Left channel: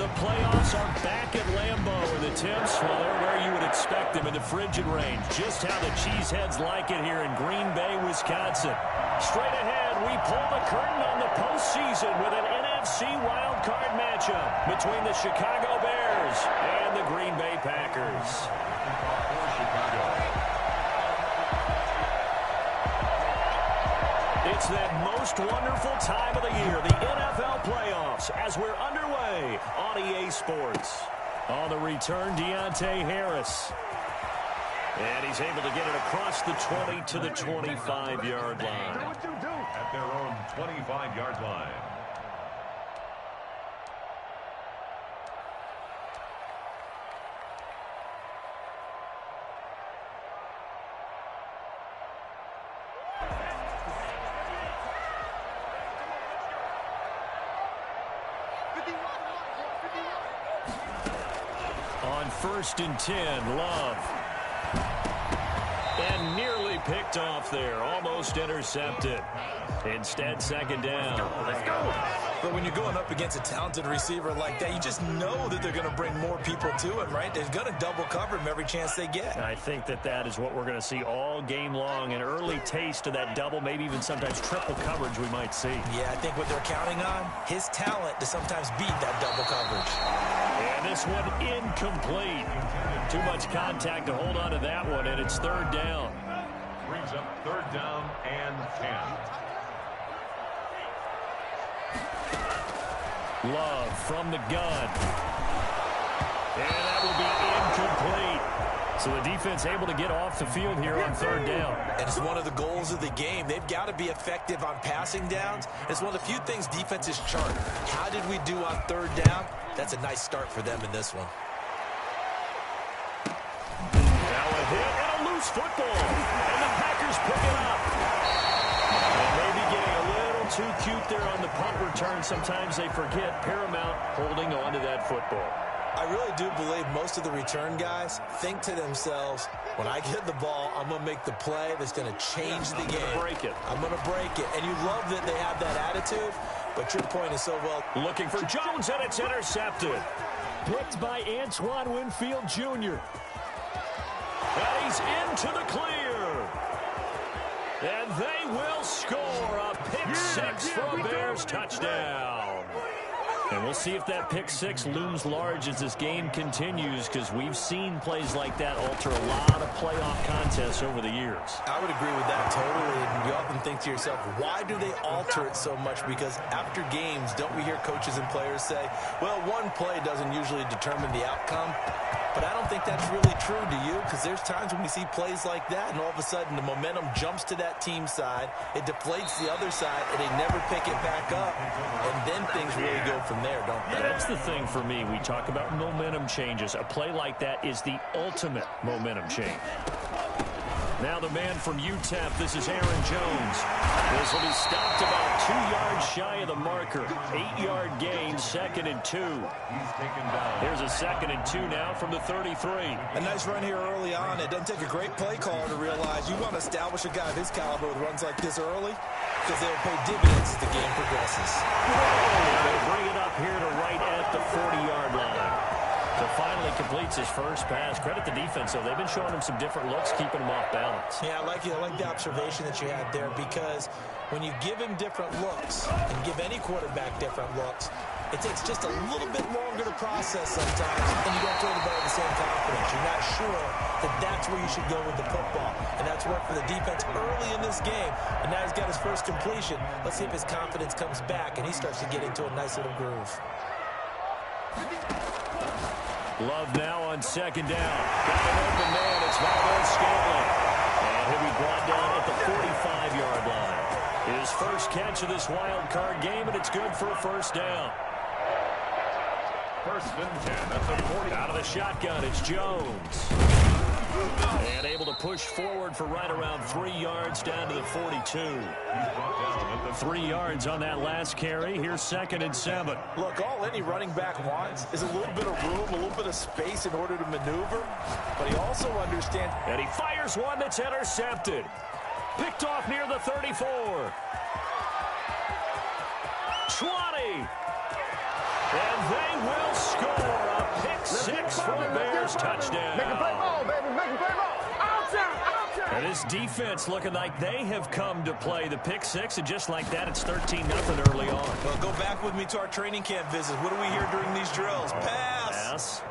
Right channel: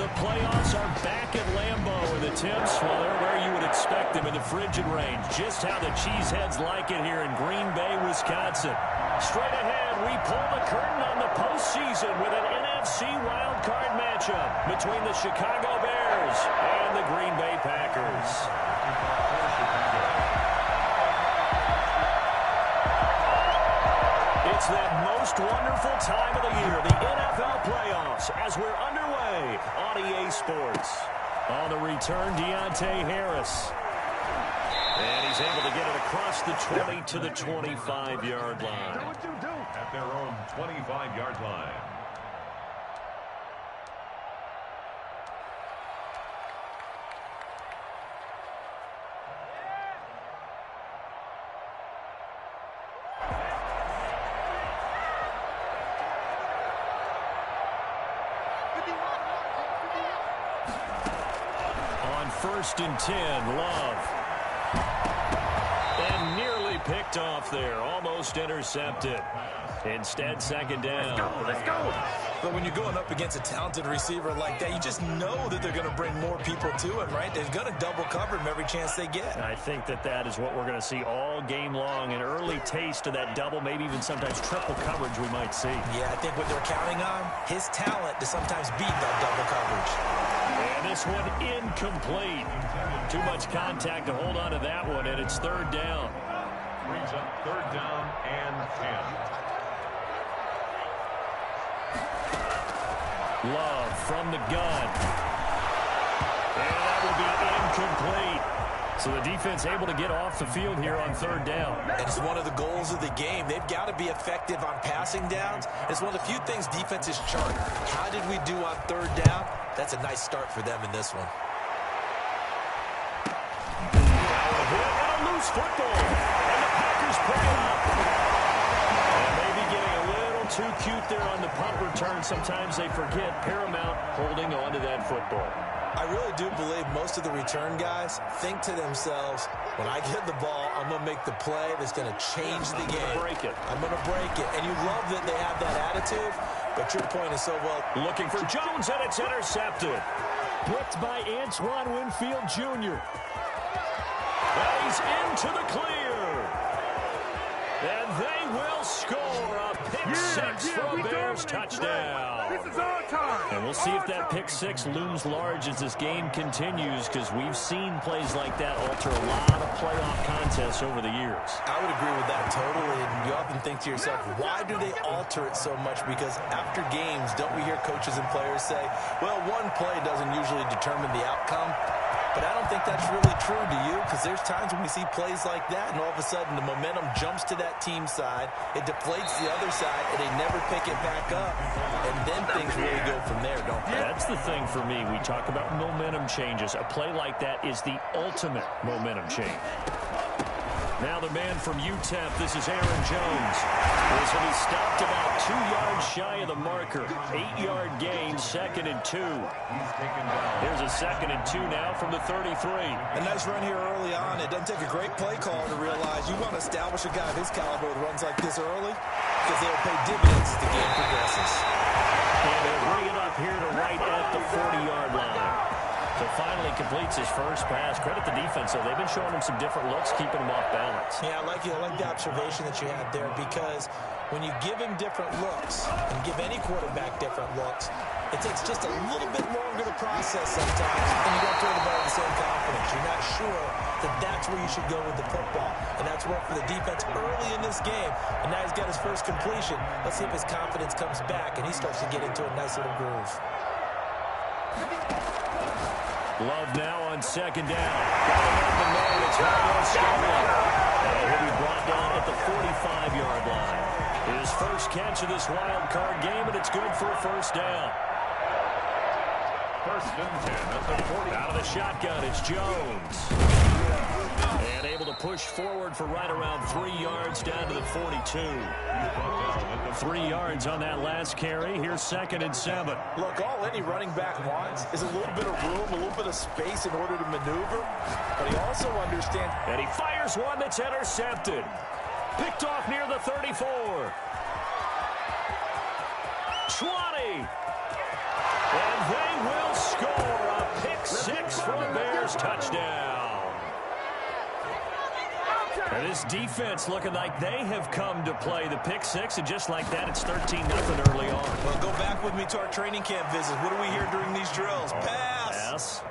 The playoffs are back at Lambeau, and the temps, well, they're where you would expect them in the frigid range. Just how the Cheeseheads like it here in Green Bay, Wisconsin. Straight ahead, we pull the curtain on the postseason with an NFC wildcard matchup between the Chicago Bears and the Green Bay Packers. It's that most wonderful time of the year, the NFL playoffs, as we're underway on EA Sports. On the return, Deontay Harris. And he's able to get it across the 20 to the 25-yard line. At their own 25-yard line. On 1st and 10, Love. And nearly picked off there. Almost intercepted. Instead, 2nd down. Let's go. But when you're going up against a talented receiver like that, you just know that they're going to bring more people to him, right? They're going to double cover him every chance they get. I think that is what we're going to see all game long. An early taste of that double, maybe even sometimes triple coverage we might see. Yeah, I think what they're counting on, his talent to sometimes beat that double coverage. And this one incomplete. Too much contact to hold on to that one, and it's 3rd down. Brings up 3rd down and 10. Love from the gun. And that will be incomplete. So the defense able to get off the field here on 3rd down. And it's one of the goals of the game. They've got to be effective on passing downs. It's one of the few things defenses chart. How did we do on 3rd down? That's a nice start for them in this one. Now a hit and a loose football. And the Packers pick it up. And maybe getting a little too cute there on the punt return. Sometimes they forget Paramount holding on to that football. I really do believe most of the return guys think to themselves, when I get the ball, I'm going to make the play that's going to change the game. I'm going to break it. I'm going to break it. And you love that they have that attitude, but your point is so well. Looking for Jones, and it's intercepted. Picked by Antoine Winfield Jr. And he's into the clear. And they will score a pick six for a Bears touchdown. And we'll see if that pick six looms large as this game continues, because we've seen plays like that alter a lot of playoff contests over the years. I would agree with that totally. And you often think to yourself, why do they alter it so much? Because after games, don't we hear coaches and players say, well, one play doesn't usually determine the outcome? But I don't think that's really true, do you? Because there's times when we see plays like that, and all of a sudden the momentum jumps to that team side, it deflates the other side, and they never pick it back up, and then things really go from there, don't they? That's the thing for me. We talk about momentum changes. A play like that is the ultimate momentum change. Now the man from UTEP, this is Aaron Jones. This will be stopped about 2 yards shy of the marker. 8-yard gain, 2nd and 2. He's taken down. Here's a 2nd and 2 now from the 33. A nice run here early on. It doesn't take a great play caller to realize you want to establish a guy of his caliber with runs like this early, because they'll pay dividends as the game progresses. And they'll bring it up here to right at the 40-yard line. So finally completes his first pass. Credit the defense, though. They've been showing him some different looks, keeping him off balance. Yeah, I like the observation that you had there, because when you give him different looks and give any quarterback different looks, it takes just a little bit longer to process sometimes, and you don't throw the ball with the same confidence. You're not sure that that's where you should go with the football, and that's worked for the defense early in this game, and now he's got his first completion. Let's see if his confidence comes back, and he starts to get into a nice little groove. Love now on 2nd down. Got an open man. It's Valdes-Scantling. And he'll be brought down at the 45-yard line. His first catch of this wild card game, and it's good for a 1st down. 1st and 10. That's a 40. Out of the shotgun, it's Jones. And able to push forward for right around 3 yards down to the 42. 3 yards on that last carry. Here's 2nd and 7. Look, all any running back wants is a little bit of room, a little bit of space in order to maneuver. But he also understands. And he fires one that's intercepted. Picked off near the 34. 20. And they will score a pick six for a Bears touchdown. And this defense looking like they have come to play the pick six, and just like that, it's 13-0 early on. Well, go back with me to our training camp visits. What do we hear during these drills? Pass.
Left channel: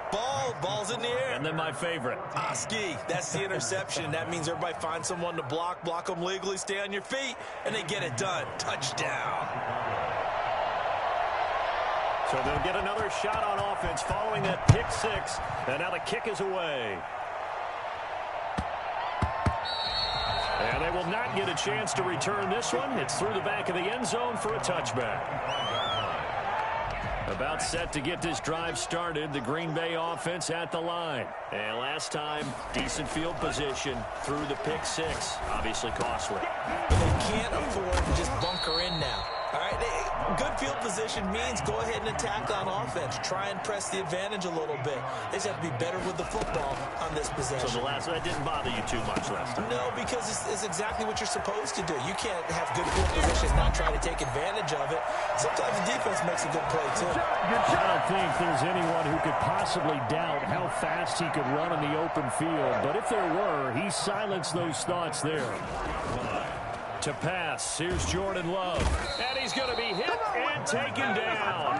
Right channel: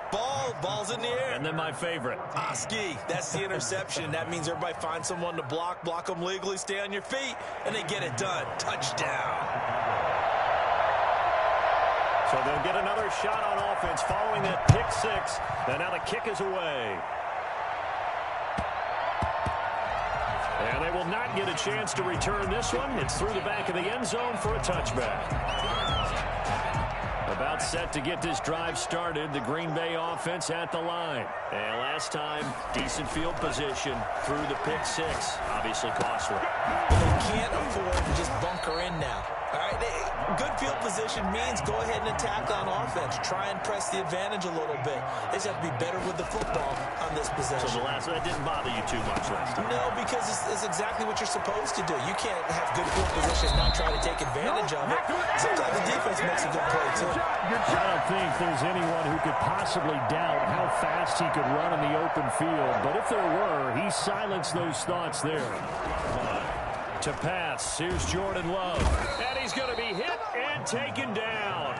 Ball's in the air. And then my favorite. Oski, that's the interception. That means everybody finds someone to block them legally, stay on your feet, and they get it done. Touchdown. So they'll get another shot on offense following that pick six. And now the kick is away. And they will not get a chance to return this one. It's through the back of the end zone for a touchback. About set to get this drive started, the Green Bay offense at the line. And last time, decent field position through the pick six. Obviously costly. But they can't afford to just bunker in now. All right, good field position means go ahead and attack on offense. Try and press the advantage a little bit. They just have to be better with the football on this possession. So that didn't bother you too much last time? No, because it's exactly what you're supposed to do. You can't have good field position and not try to take advantage of it. Sometimes the defense makes a good play, too. I don't think there's anyone who could possibly doubt how fast he could run in the open field. But if there were, he silenced those thoughts there. To pass, here's Jordan Love. And he's going to be hit and taken down.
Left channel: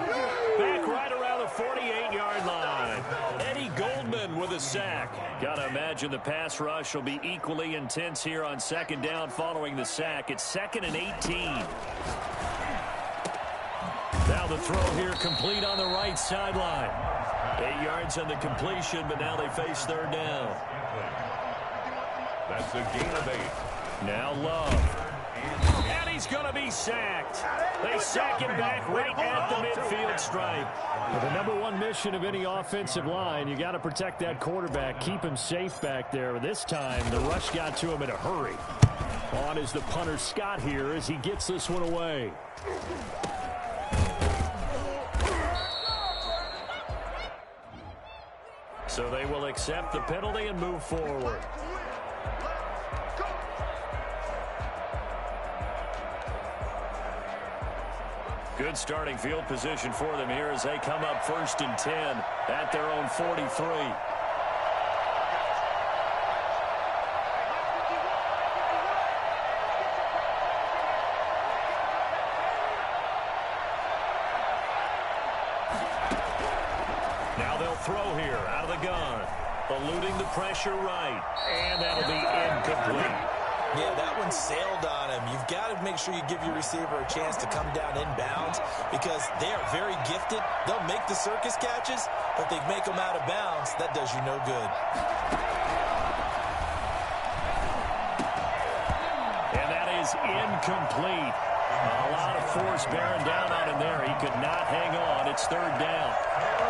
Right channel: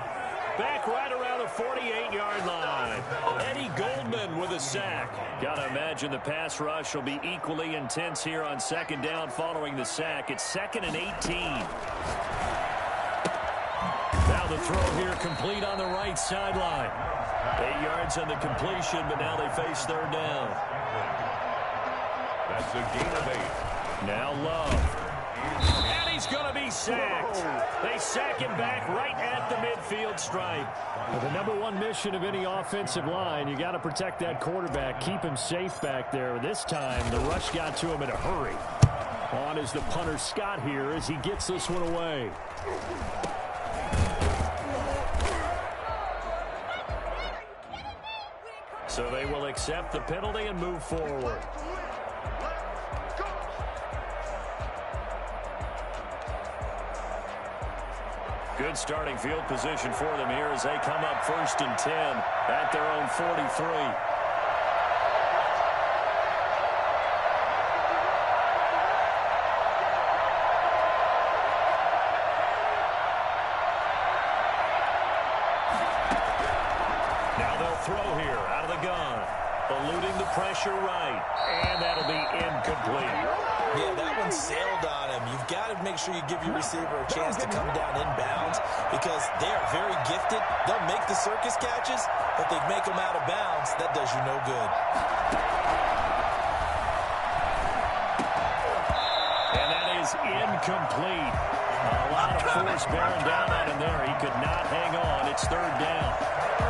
Back right around the 48-yard line. Eddie Goldman with a sack. Got to imagine the pass rush will be equally intense here on second down following the sack. It's 2nd and 18. Now the throw here complete on the right sideline. 8 yards on the completion, but now they face third down. That's a gain of 8. Now Love. And he's going to be sacked. They sack him back right at the midfield stripe. Well, the number one mission of any offensive line, you got to protect that quarterback, keep him safe back there. This time, the rush got to him in a hurry. On is the punter Scott here as he gets this one away. So they will accept the penalty and move forward. Good starting field position for them here as they come up 1st and 10 at their own 43. Now they'll throw here out of the gun. Eluding the pressure right. And that'll be incomplete. Yeah, that one sailed on him. You've got to make sure you give your receiver a chance to come down inbounds because they are very gifted. They'll make the circus catches, but they make them out of bounds. That does you no good. And that is incomplete. A lot of force bearing down on him there. He could not hang on. It's third down.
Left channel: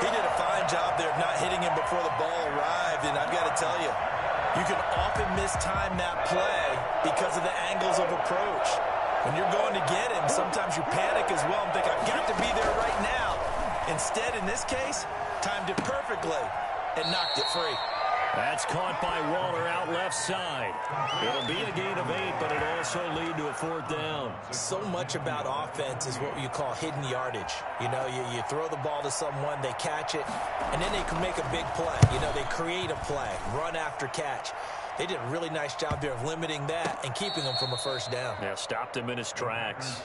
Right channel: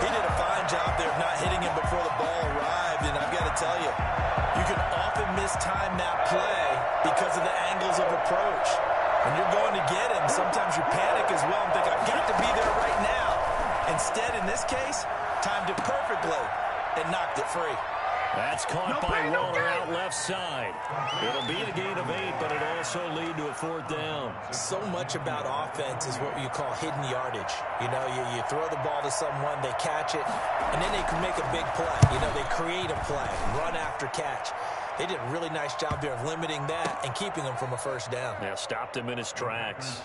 He did a fine job there of not hitting him before the ball arrived, and I've got to tell you, you can often mistime that play because of the angles of approach. When you're going to get him, sometimes you panic as well and think, I've got to be there right now. Instead, in this case, timed it perfectly and knocked it free. That's caught by Waller out left side. It'll be a gain of 8, but it'll also lead to a 4th down. So much about offense is what you call hidden yardage. You know, you throw the ball to someone, they catch it, and then they can make a big play. You know, they create a play, run after catch. They did a really nice job there of limiting that and keeping him from a first down. Yeah, stopped him in his tracks.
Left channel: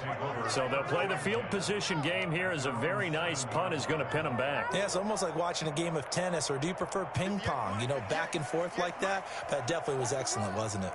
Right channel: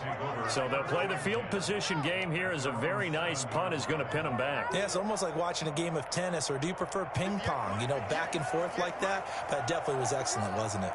So they'll play the field position game here as a very nice punt is going to pin him back. Yeah, it's almost like watching a game of tennis, or do you prefer ping pong? You know, back and forth like that? That definitely was excellent, wasn't it?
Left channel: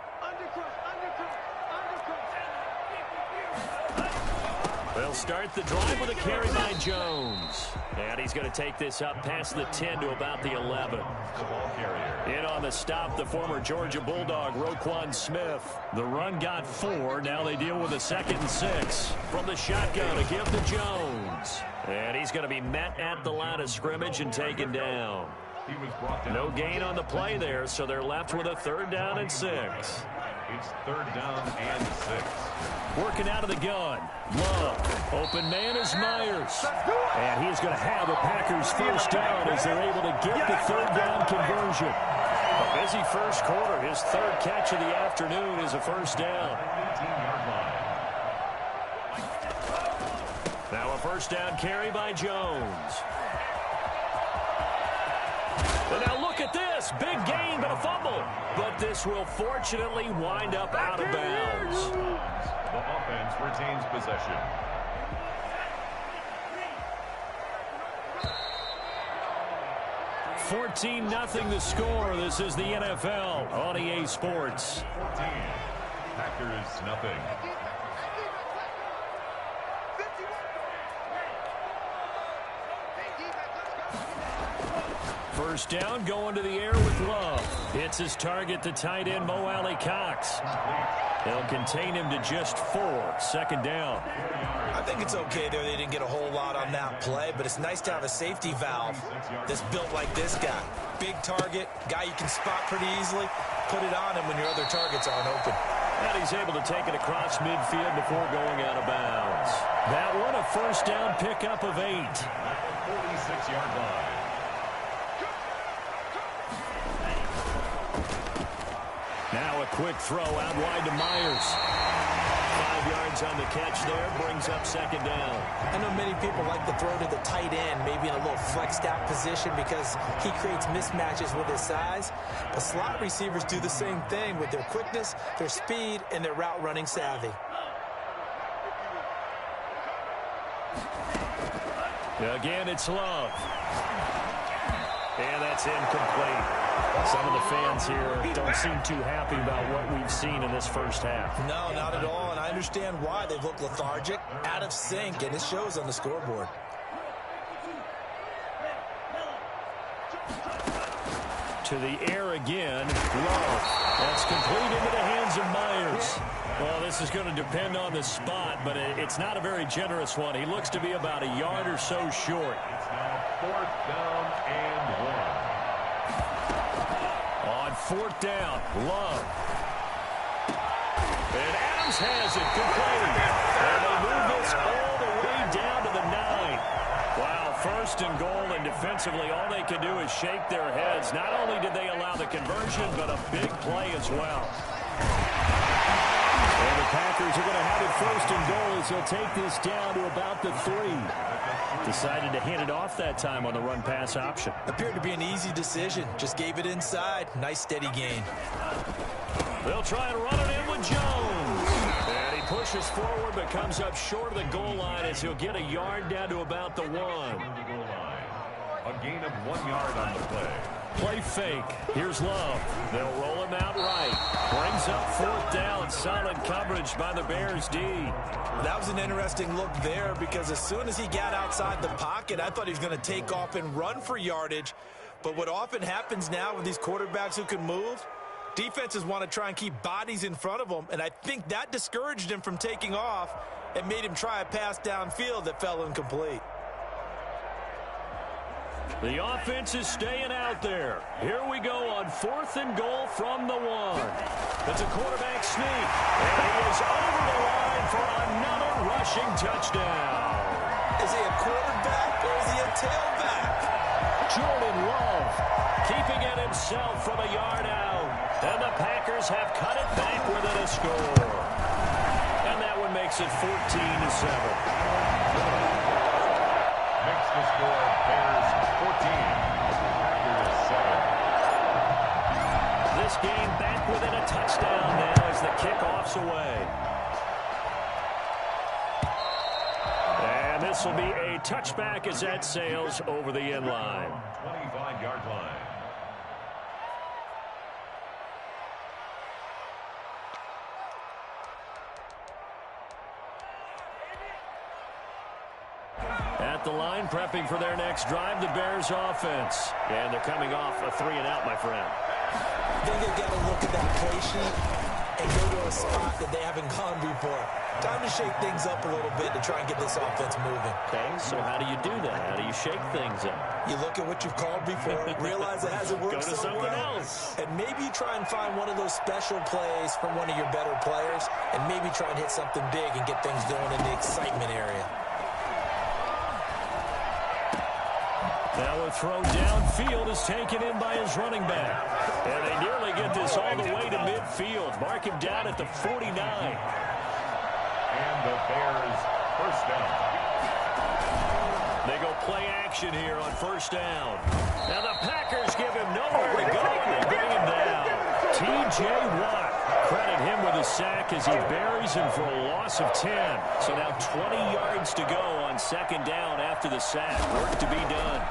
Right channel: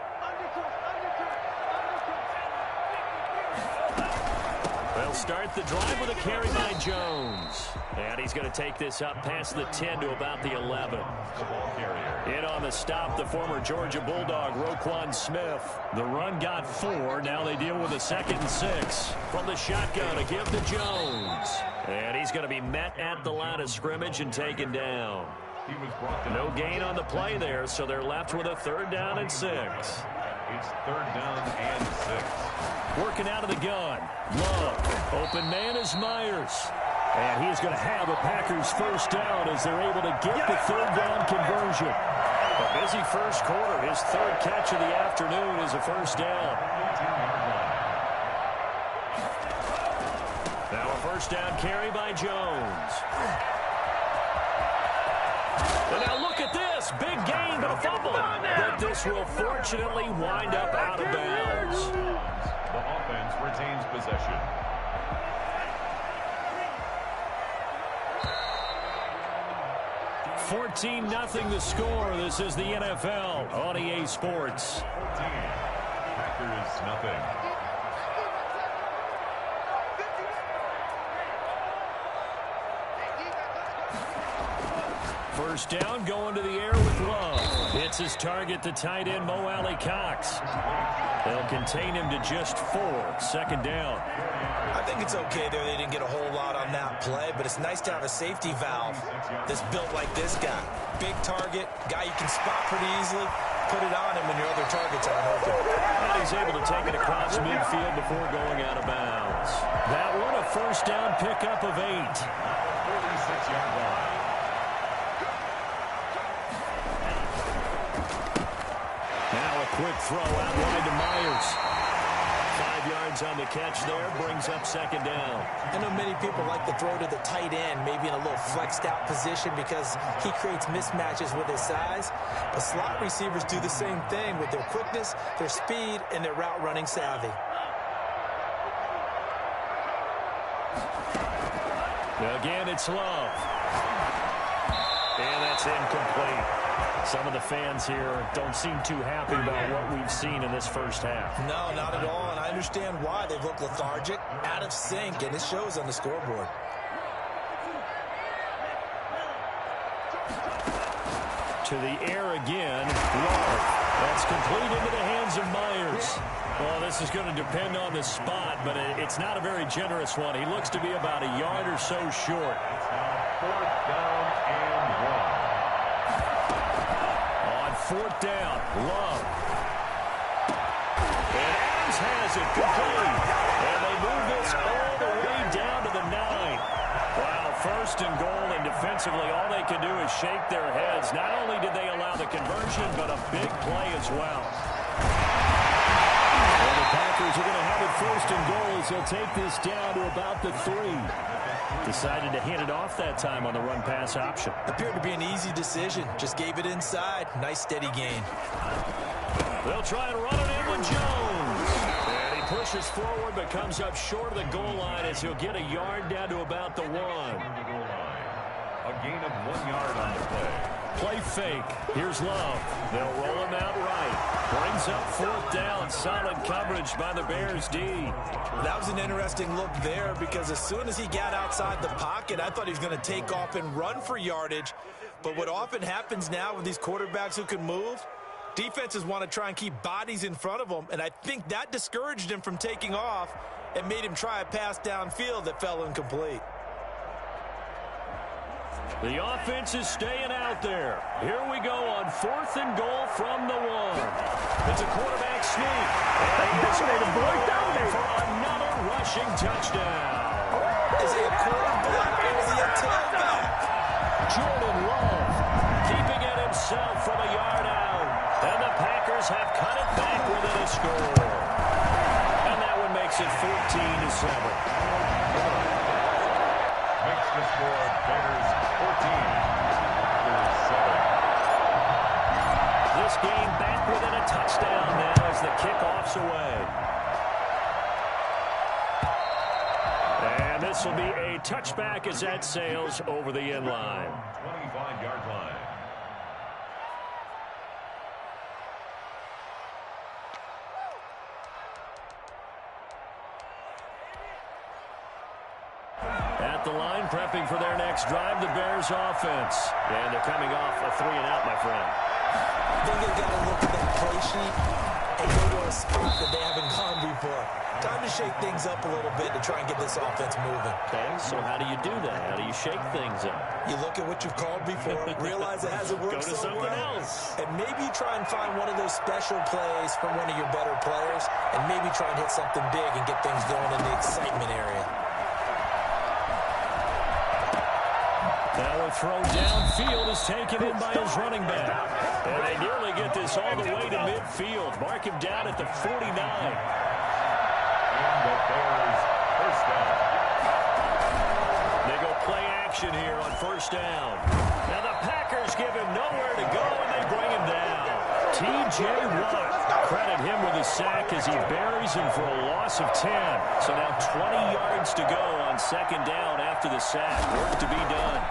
They'll start the drive with a carry by Jones. And he's going to take this up past the 10 to about the 11. The ball carrier. In on the stop, the former Georgia Bulldog, Roquan Smith. The run got 4. Now they deal with a 2nd and 6. From the shotgun to give to Jones. And he's going to be met at the line of scrimmage and taken down. He was brought down. No gain on the play there, so they're left with a 3rd down and 6. It's 3rd down and 6. Working out of the gun. Love. Open man is Myers. And he is going to have a Packers first down as they're able to get the 3rd down conversion. A busy first quarter. His 3rd catch of the afternoon is a first down. 18-yard line. Now a first down carry by Jones. And now look at this. Big gain, but a fumble. But this will fortunately wind up out of bounds. The offense retains possession. $14-0 the score. This is the NFL on EA Sports. 14. Packers nothing. First down, going to the air with Love. Hits his target, the tight end, Mo Alley-Cox. They'll contain him to just 4. Second down. I think it's okay there. They didn't get a whole lot on that play, but it's nice to have a safety valve that's built like this guy. Big target, guy you can spot pretty easily. Put it on him when your other targets aren't open. And he's able to take it across midfield before going out of bounds. That one, a first down pickup of 8. 46-yard line. Now a quick throw out wide to Myers. 5 yards on the catch there, brings up second down. I know many people like to throw to the tight end, maybe in a little flexed out position because he creates mismatches with his size. But slot receivers do the same thing with their quickness, their speed, and their route running savvy. Again, it's Love. And that's incomplete. Some of the fans here don't seem too happy about what we've seen in this first half. No, not at all, and I understand why. They've looked lethargic, out of sync, and it shows on the scoreboard. To the air again, Love. That's complete into the hands of Myers. Well, this is going to depend on the spot, but it's not a very generous one. He looks to be about a yard or so short. It's now 4th down and 1. On 4th down, Love. And Adams has it, complete. And they move this all the way down to the 9. Wow, 1st and goal, and defensively all they can do is shake their heads. Not only did they allow the conversion, but a big play as well. And the Packers are going to have it 1st and goal as they'll take this down to about the 3. Decided to hand it off that time on the run-pass option. Appeared to be an easy decision. Just gave it inside. Nice steady gain. They'll try and run it in with Jones. And he pushes forward but comes up short of the goal line as he'll get a yard down to about the 1. The goal line. A gain of 1 yard on the play. Play fake. Here's Love. They'll roll him out right. Brings up 4th down. Solid coverage by the Bears D. That was an interesting look there because as soon as he got outside the pocket, I thought he was going to take off and run for yardage. But what often happens now with these quarterbacks who can move, defenses want to try and keep bodies in front of them, and I think that discouraged him from taking off and made him try a pass downfield that fell incomplete. The offense is staying out there. Here we go on 4th and goal from the 1. It's a quarterback sneak. And he is over the line for another rushing touchdown. Is he a quarterback or is he a tailback? Jordan Love keeping it himself from a yard out. And the Packers have cut it back within a score. And that one makes it 14-7. Makes the score Bears 14, Packers 7. This game back within a touchdown now as the kickoff's away. And this will be a touchback as that sails over the end line. 25-yard line. At the line, prepping for their next drive, the Bears offense. And they're coming off a 3-and-out, my friend. I think they've got to look at that play sheet and go to a spot that they haven't gone before. Time to shake things up a little bit to try and get this offense moving. Okay, so how do you do that? How do you shake things up? You look at what you've called before, realize it hasn't worked Go to so something well, else. and maybe you try and find one of those special plays from one of your better players, and maybe try and hit something big and get things going in the excitement area. Now a throw downfield is taken in by his running back. And they nearly get this all the way to midfield. Mark him down at the 49. And the Bears first down. They go play action here on first down. Now the Packers give him nowhere to go, and they bring him down. T.J. Watt, credit him with a sack as he buries him for a loss of 10. So now 20 yards to go on second down after the sack. Work to be done.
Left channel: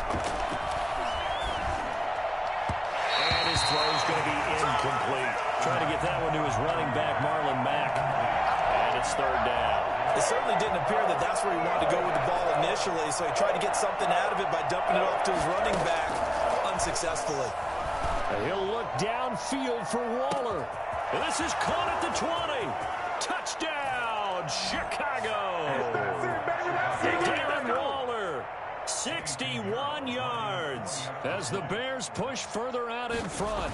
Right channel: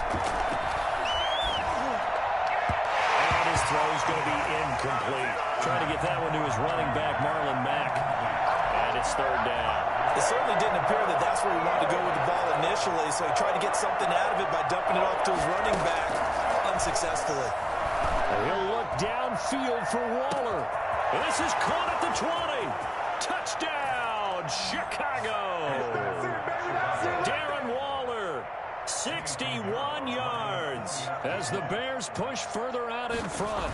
And his throw's going to be incomplete. Trying to get that one to his running back, Marlon Mack. And it's third down. It certainly didn't appear that that's where he wanted to go with the ball initially, so he tried to get something out of it by dumping it off to his running back unsuccessfully. And he'll look downfield for Waller. And this is caught at the 20. Touchdown, Chicago. Darren Waller, 61 yards as the Bears push further out in front.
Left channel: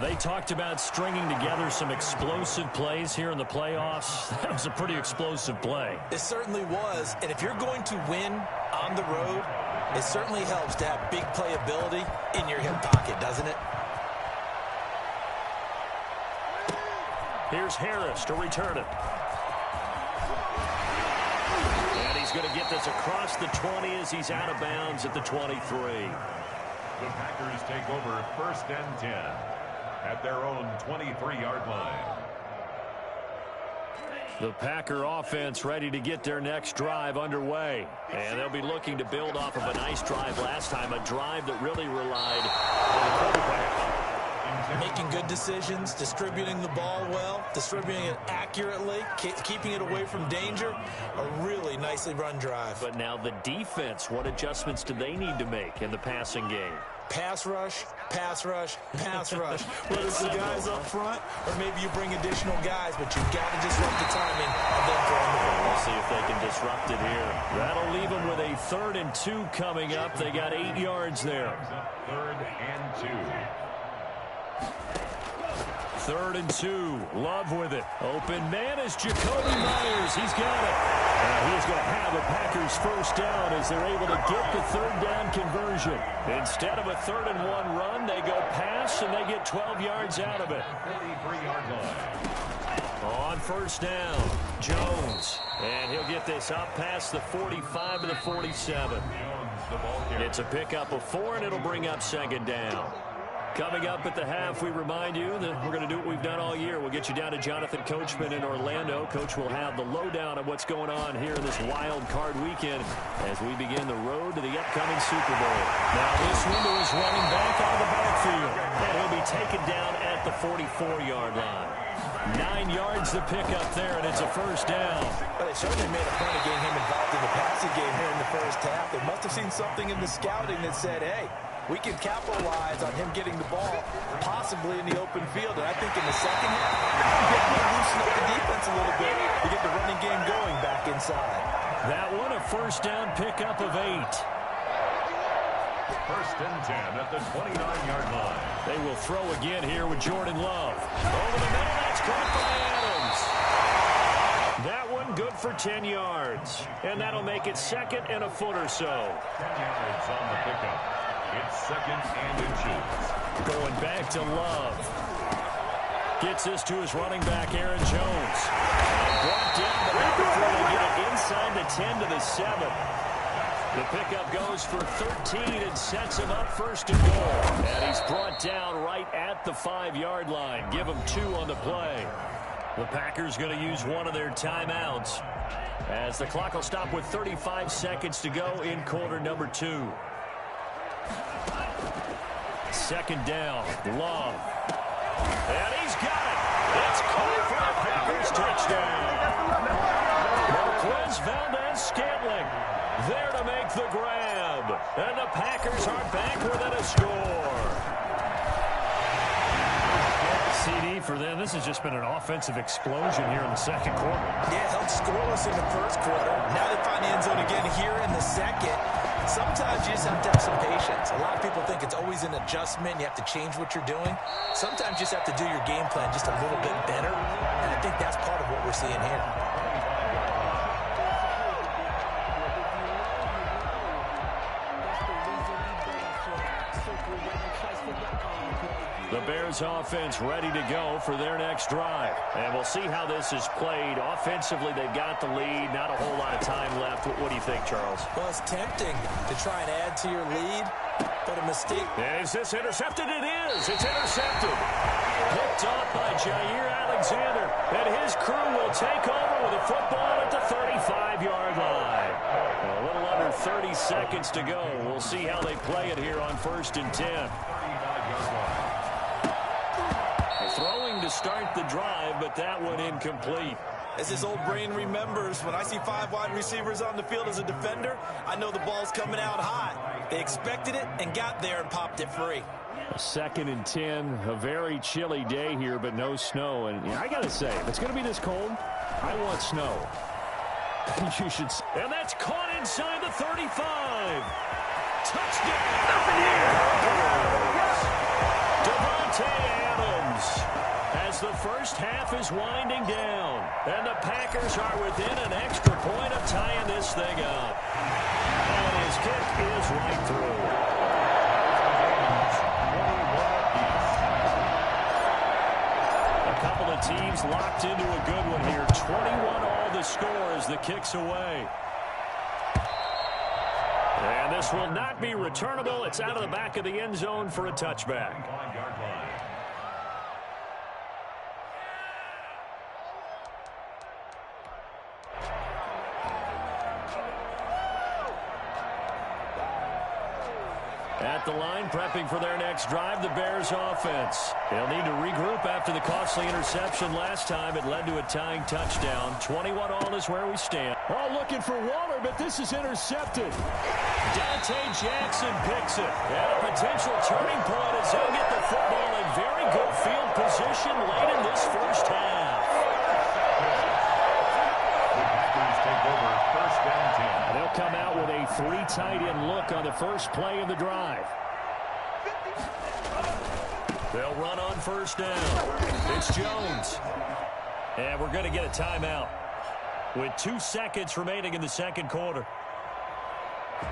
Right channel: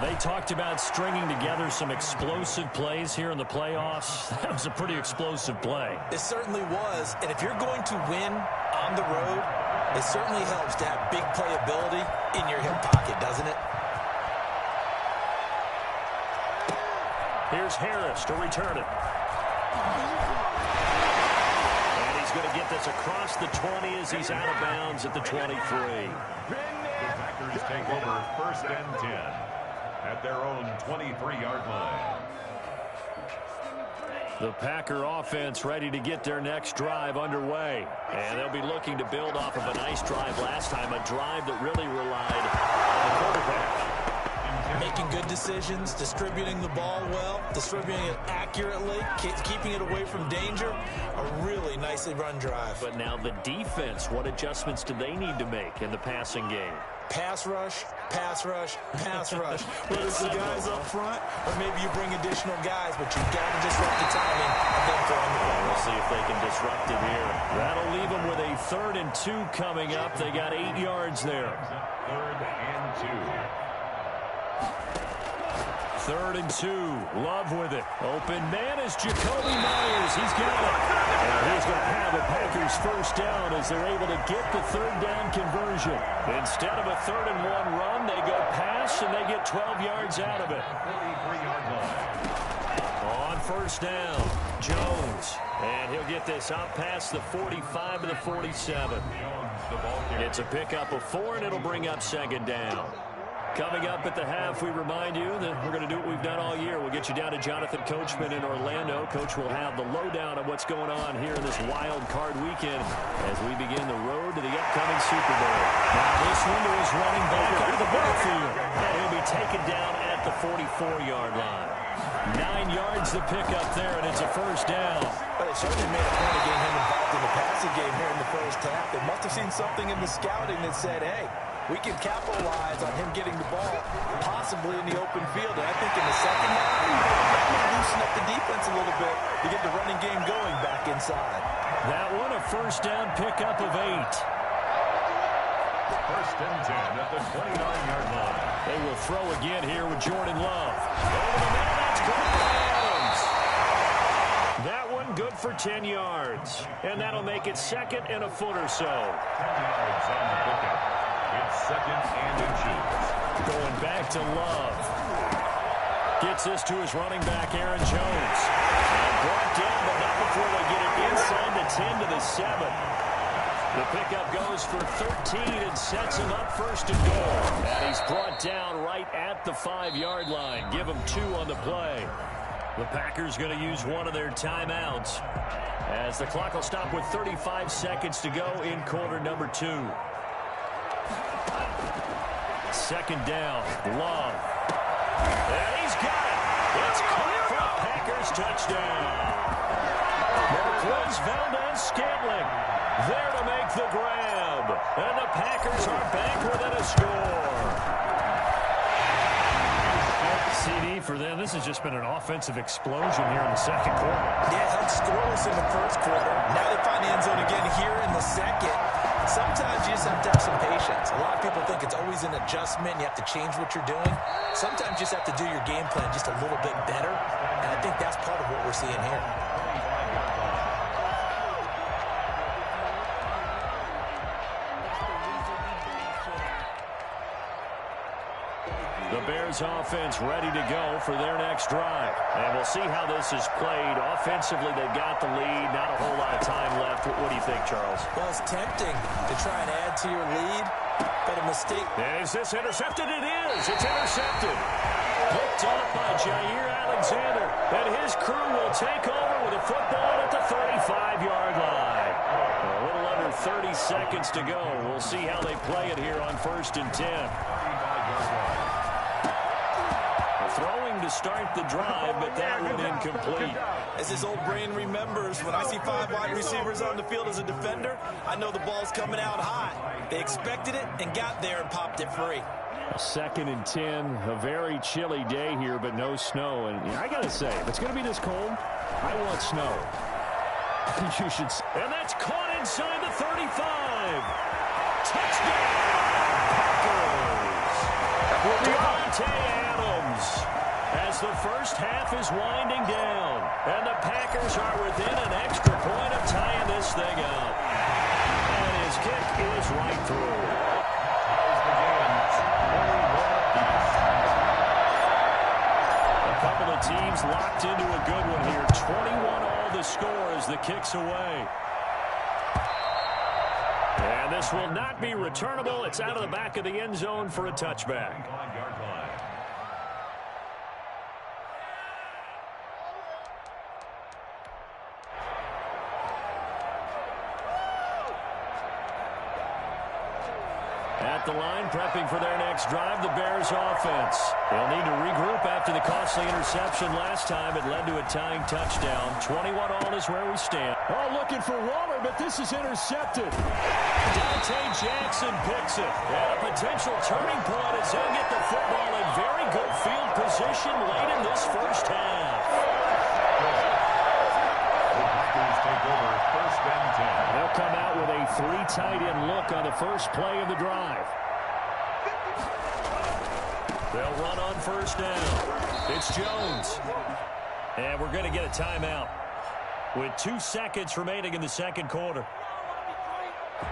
They talked about stringing together some explosive plays here in the playoffs. That was a pretty explosive play. It certainly was. And if you're going to win on the road, it certainly helps to have big playability in your hip pocket, doesn't it? Here's Harris to return it. And he's going to get this across the 20 as he's out of bounds at the 23. The Packers take over first and 10 at their own 23-yard line. The Packer offense ready to get their next drive underway. And they'll be looking to build off of a nice drive last time, a drive that really relied on the quarterback. Making good decisions, distributing the ball well, distributing it accurately, keeping it away from danger. A really nicely run drive. But now the defense, what adjustments do they need to make in the passing game? Pass rush, pass rush, pass rush. Whether it's the guys up front or maybe you bring additional guys, but you've got to disrupt the timing of them throwing the ball. We'll see if they can disrupt it here. That'll leave them with a 3rd and 2 coming up. They got 8 yards there. 3rd and 2. 3rd and 2. Love with it. Open man is Jacoby Myers. He's got it. And he's going to have a Packers first down as they're able to get the 3rd down conversion. Instead of a 3rd and 1 run, they go pass and they get 12 yards out of it. 43-yard line. On first down, Jones. And he'll get this up past the 45 to the 47. Jones, the ball carrier. It's a pickup of 4, and it'll bring up second down. Coming up at the half, we remind you that we're going to do what we've done all year. We'll get you down to Jonathan Coachman in Orlando. Coach will have the lowdown of what's going on here in this wild card weekend as we begin the road to the upcoming Super Bowl. Now this one to his running back out of the backfield. And he'll be taken down at the 44-yard line. 9 yards to pick up there, and it's a first down. But they certainly made a point of getting him involved in the passing game here in the first half. They must have seen something in the scouting that said, hey, we can capitalize on him getting the ball possibly in the open field. And I think in the second half, you got to loosen up the defense a little bit to get the running game going back inside. That one, a first down pickup of 8. 1st and 10 at the 29-yard line. They will throw again here with Jordan Love. Over the middle, that's caught by Adams. That one good for 10 yards. And that'll make it 2nd and a foot or so. 10 yards on the pickup. It's 2nd and inches. Going back to Love. Gets this to his running back, Aaron Jones. And brought down, but not before they get it inside the 10 to the 7. The pickup goes for 13 and sets him up 1st and goal. And he's brought down right at the 5-yard line. Give him 2 on the play. The Packers going to use one of their timeouts as the clock will stop with 35 seconds to go in quarter number 2. 2nd down, Love. And he's got it. It's caught for a Packers touchdown. Marquez Valdez-Scantling there to make the grab. And the Packers are back within a score. CD for them. This has just been an offensive explosion here in the second quarter. Yeah, held scoreless in the first quarter. Now they find the end zone again here in the second. Sometimes you just have to have some patience. A lot of people think it's always an adjustment. You have to change what you're doing. Sometimes you just have to do your game plan just a little bit better. And I think that's part of what we're seeing here. The Bears offense ready to go for their next drive. And we'll see how this is played. Offensively, they've got the lead. Not a whole lot of time left. What do you think, Charles? Well, it's tempting to try and add to your lead, but a mistake. And is this intercepted? It is. It's intercepted. Picked off by Jair Alexander. And his crew will take over with a football at the 35-yard line. A little under 30 seconds to go. We'll see how they play it here on 1st and 10. Throwing to start the drive, but that one incomplete. As his old brain remembers, when I see 5 wide receivers on the field as a defender, I know the ball's coming out high. They expected it and got there and popped it free. 2nd and 10, a very chilly day here, but no snow. And I got to say, if it's going to be this cold, I want snow. You should. And that's caught inside the 35. Touchdown, Packers. Devontae Adams. As the first half is winding down, and the Packers are within an extra point of tying this thing up. And his kick is right through. A couple of teams locked into a good one here. 21 all the score as the kick's away. And this will not be returnable. It's out of the back of the end zone for a touchback. At the line, prepping for their next drive, the Bears offense. They'll need to regroup after the costly interception last time. It led to a tying touchdown. 21 all is where we stand. Oh, looking for Waller, but this is intercepted. Dante Jackson picks it. And a potential turning point as they'll get the football in very good field position late in this first half. Take over 1st and 10. They'll come out with a 3 tight end look on the first play of the drive. They'll run on 1st down. It's Jones. And we're going to get a timeout with 2 seconds remaining in the second quarter.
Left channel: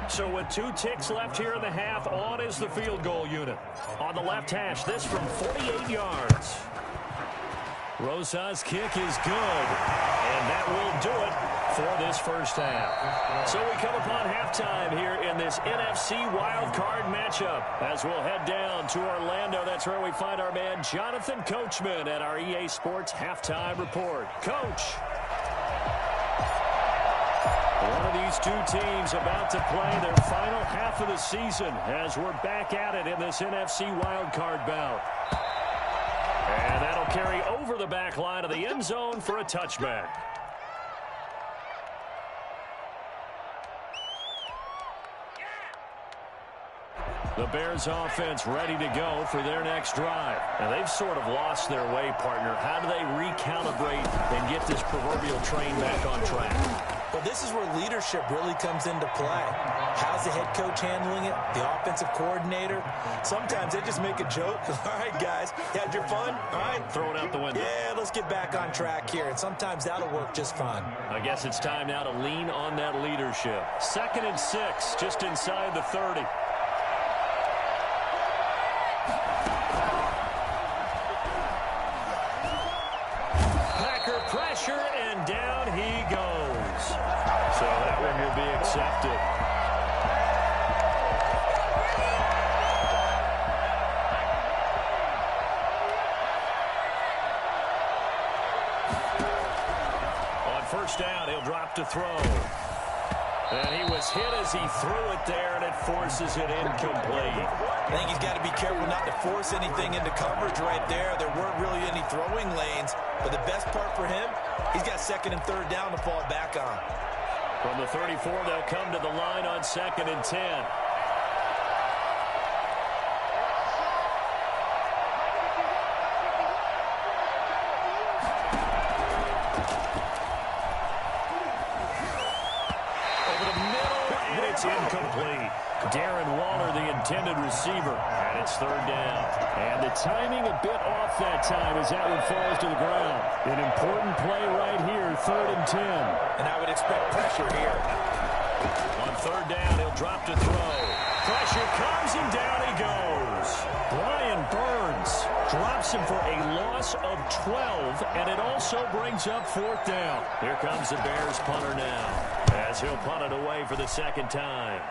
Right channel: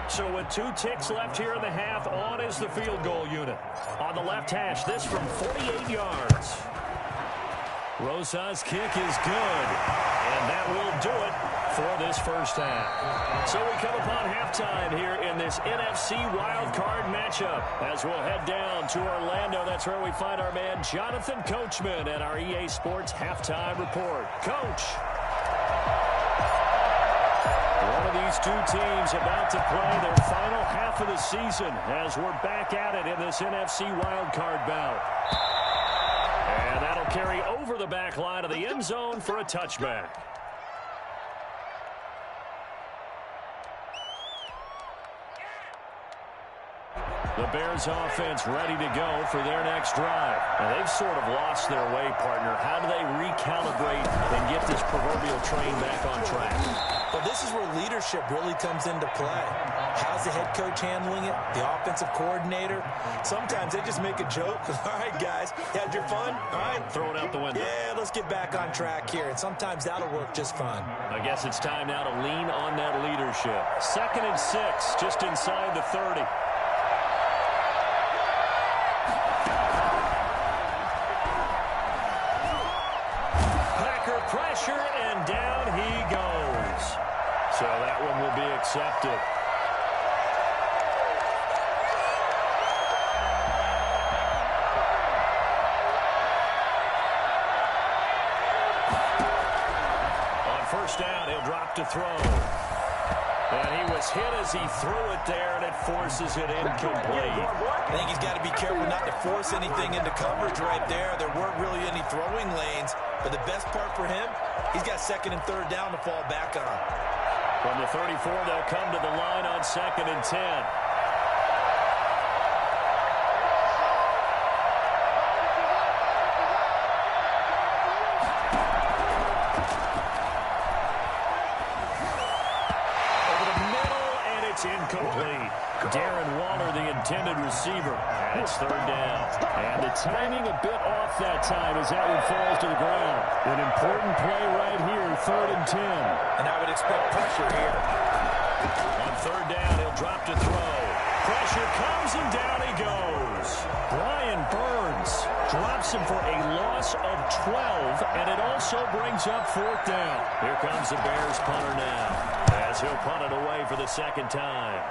So with 2 ticks left here in the half, on is the field goal unit. On the left hash, this from 48 yards. Rosa's kick is good. And that will do it for this first half. So we come upon halftime here in this NFC wildcard matchup. As we'll head down to Orlando, that's where we find our man Jonathan Coachman at our EA Sports Halftime Report. Coach. One of these 2 teams about to play their final half of the season as we're back at it in this NFC wildcard bout. And that'll carry over the back line of the end zone for a touchback. The Bears offense ready to go for their next drive. And they've sort of lost their way, partner. How do they recalibrate and get this proverbial train back on track? Well, this is where leadership really comes into play. How's the head coach handling it? The offensive coordinator? Sometimes they just make a joke. All right, guys, you had your fun? All right. Throw it out the window. Yeah, let's get back on track here. And sometimes that'll work just fine. I guess it's time now to lean on that leadership. 2nd and 6, just inside the 30. Pressure, and down he goes. So that one will be accepted. On 1st down, he'll drop to throw. And he was hit as he threw it there, and it forces it incomplete. I think he's got to be careful not to force anything into coverage right there. There weren't really any throwing lanes. But the best part for him, he's got 2nd and 3rd down to fall back on. From the 34, they'll come to the line on 2nd and 10. It's incomplete. Darren Waller, the intended receiver, and it's 3rd down. And the timing a bit off that time as that one falls to the ground. An important play right here, 3rd and 10. And I would expect pressure here. On 3rd down, he'll drop to throw. pressure comes, and down he goes. Brian Burns drops him for a loss of 12, and it also brings up 4th down. Here comes the Bears punter now, as he'll punt it away for the 2nd time.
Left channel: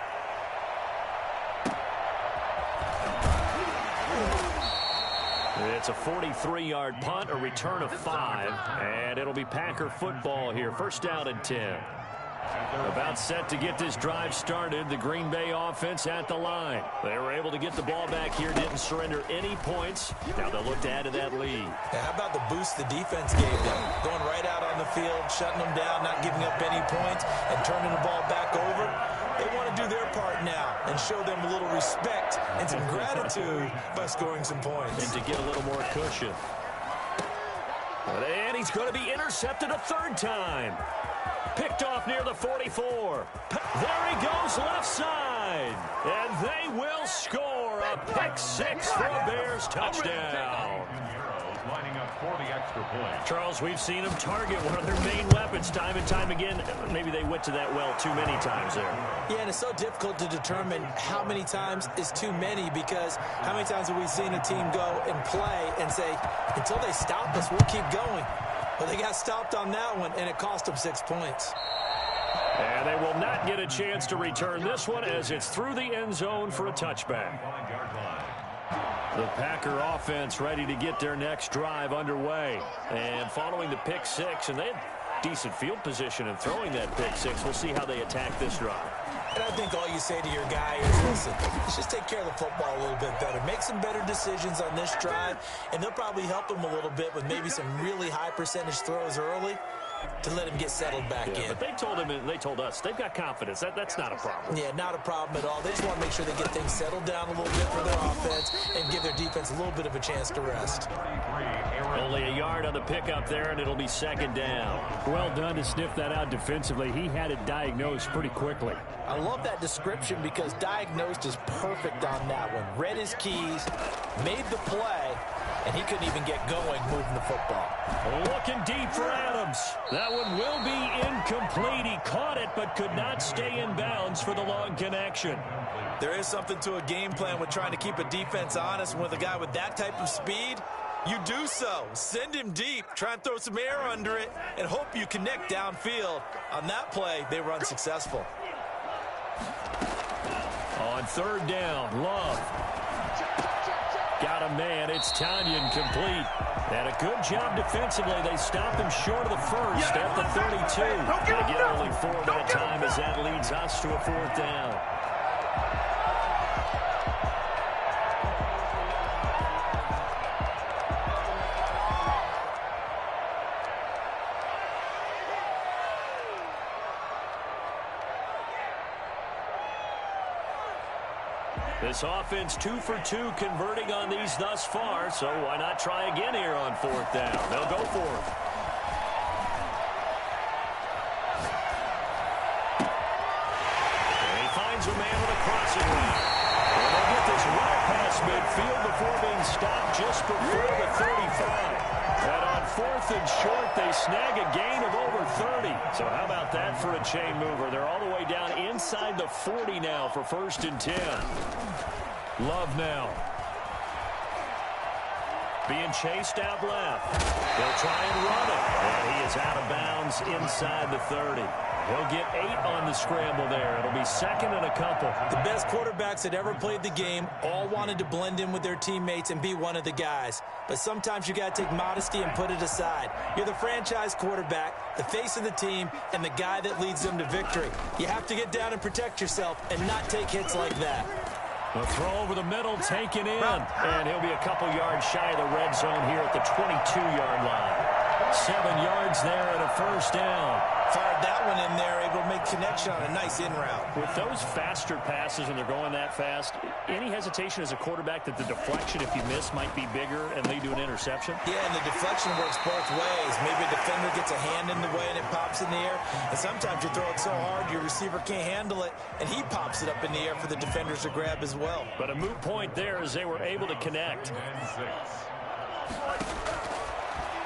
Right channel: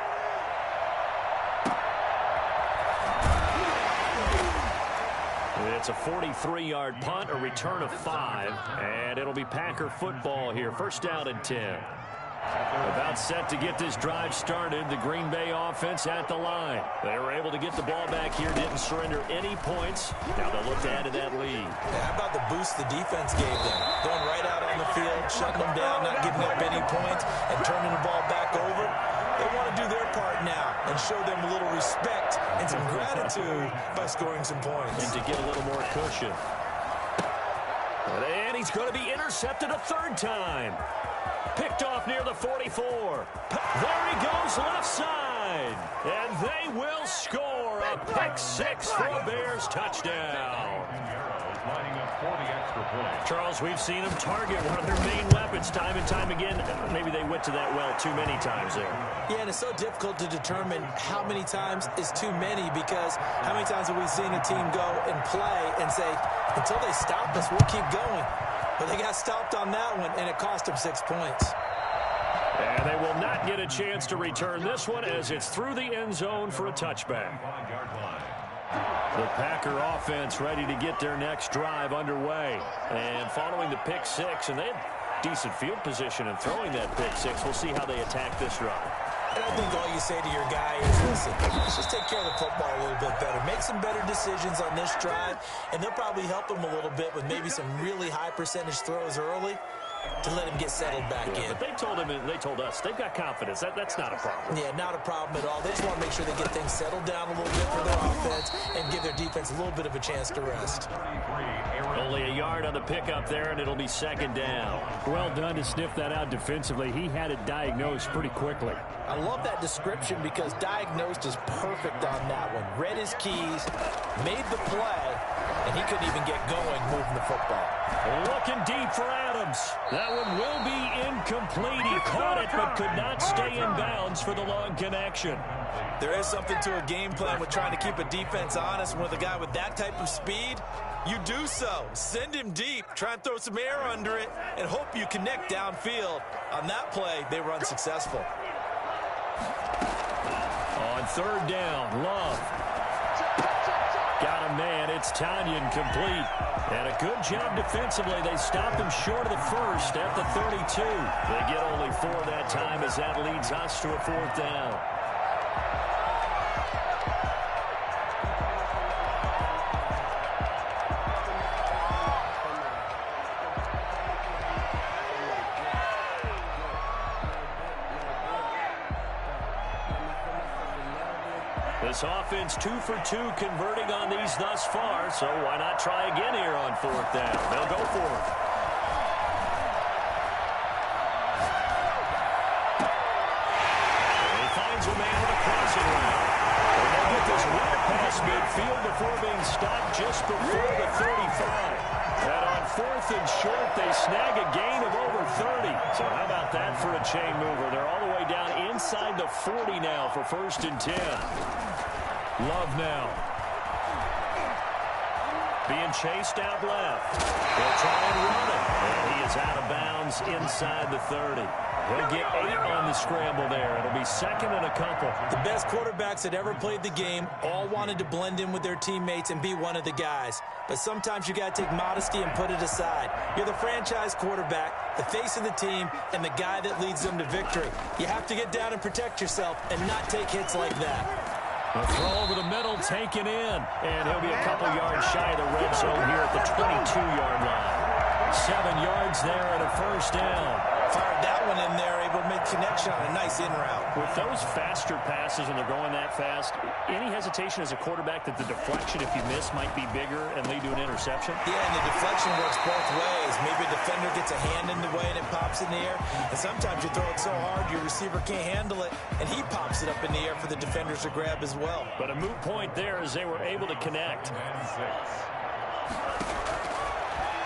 It's a 43-yard punt, a return of 5, and it'll be Packer football here. 1st down and 10. About set to get this drive started, the Green Bay offense at the line. They were able to get the ball back here, didn't surrender any points. Now they'll look to add to that lead. How about the boost the defense gave them? Going right out on the field, shutting them down, not giving up any points, and turning the ball back over. They want to do their part now and show them a little respect and some gratitude by scoring some points. And to get a little more cushion. And he's going to be intercepted a 3rd time. Picked off near the 44. There he goes, left side. And they will score a pick 6 for a Bears touchdown. Lining up for the extra point. Charles, we've seen them target one of their main weapons time and time again. Maybe they went to that well too many times there. Yeah, and it's so difficult to determine how many times is too many, because how many times have we seen a team go and play and say, until they stop us, we'll keep going. But they got stopped on that one, and it cost them 6 points. And they will not get a chance to return this one, as it's through the end zone for a touchback. The Packer offense ready to get their next drive underway. And following the pick 6, and they had decent field position in throwing that pick 6. We'll see how they attack this drive. And I think all you say to your guy is, listen, let's just take care of the football a little bit better. Make some better decisions on this drive, and they'll probably help him a little bit with maybe some really high percentage throws early to let him get settled back in. But they told him, and they told us, they've got confidence. That's not a problem. Yeah, not a problem at all. They just want to make sure they get things settled down a little bit for their offense and give their defense a little bit of a chance to rest. Only a yard on the pickup there, and it'll be 2nd down. Well done to sniff that out defensively. He had it diagnosed pretty quickly. I love that description, because diagnosed is perfect on that one. Read his keys, made the play, and he couldn't even get going moving the football. Looking deep for Adams. That one will be incomplete. He caught it but could not stay in bounds for the long connection. There is something to a game plan with trying to keep a defense honest. With a guy with that type of speed, you do so. Send him deep. Try and throw some air under it and hope you connect downfield. On that play, they were unsuccessful. On 3rd down, Love. Got a man. It's Tanyan complete. And a good job defensively. They stopped him short of the 1st at the 32. They get only 4 that time, as that leads us to a 4th down. This offense 2 for 2 converting on these thus far, so why not try again here on 4th down? They'll go for it. And he finds a man with a crossing route. And they'll get this well past midfield before being stopped just before the 35. And on 4th and short, they snag a gain of over 30. So how about that for a chain mover? They're all the way down inside the 40 now for 1st and 10. Love now. Being chased out left. He'll try and run it. And he is out of bounds inside the 30. He'll get 8 on the scramble there. It'll be 2nd and a couple. The best quarterbacks that ever played the game all wanted to blend in with their teammates and be one of the guys. But sometimes you got to take modesty and put it aside. You're the franchise quarterback, the face of the team, and the guy that leads them to victory. You have to get down and protect yourself and not take hits like that. A throw over the middle, taken in. And he'll be a couple yards shy of the red zone here at the 22-yard line. 7 yards there and a 1st down. Fired that one in there, able to make connection on a nice in route. With those faster passes and they're going that fast, any hesitation as a quarterback that the deflection, if you miss, might be bigger and lead to an interception? Yeah, and the deflection works both ways. Maybe a defender gets a hand in the way and it pops in the air. And sometimes you throw it so hard your receiver can't handle it, and he pops it up in the air for the defenders to grab as well. But a moot point there as they were able to connect.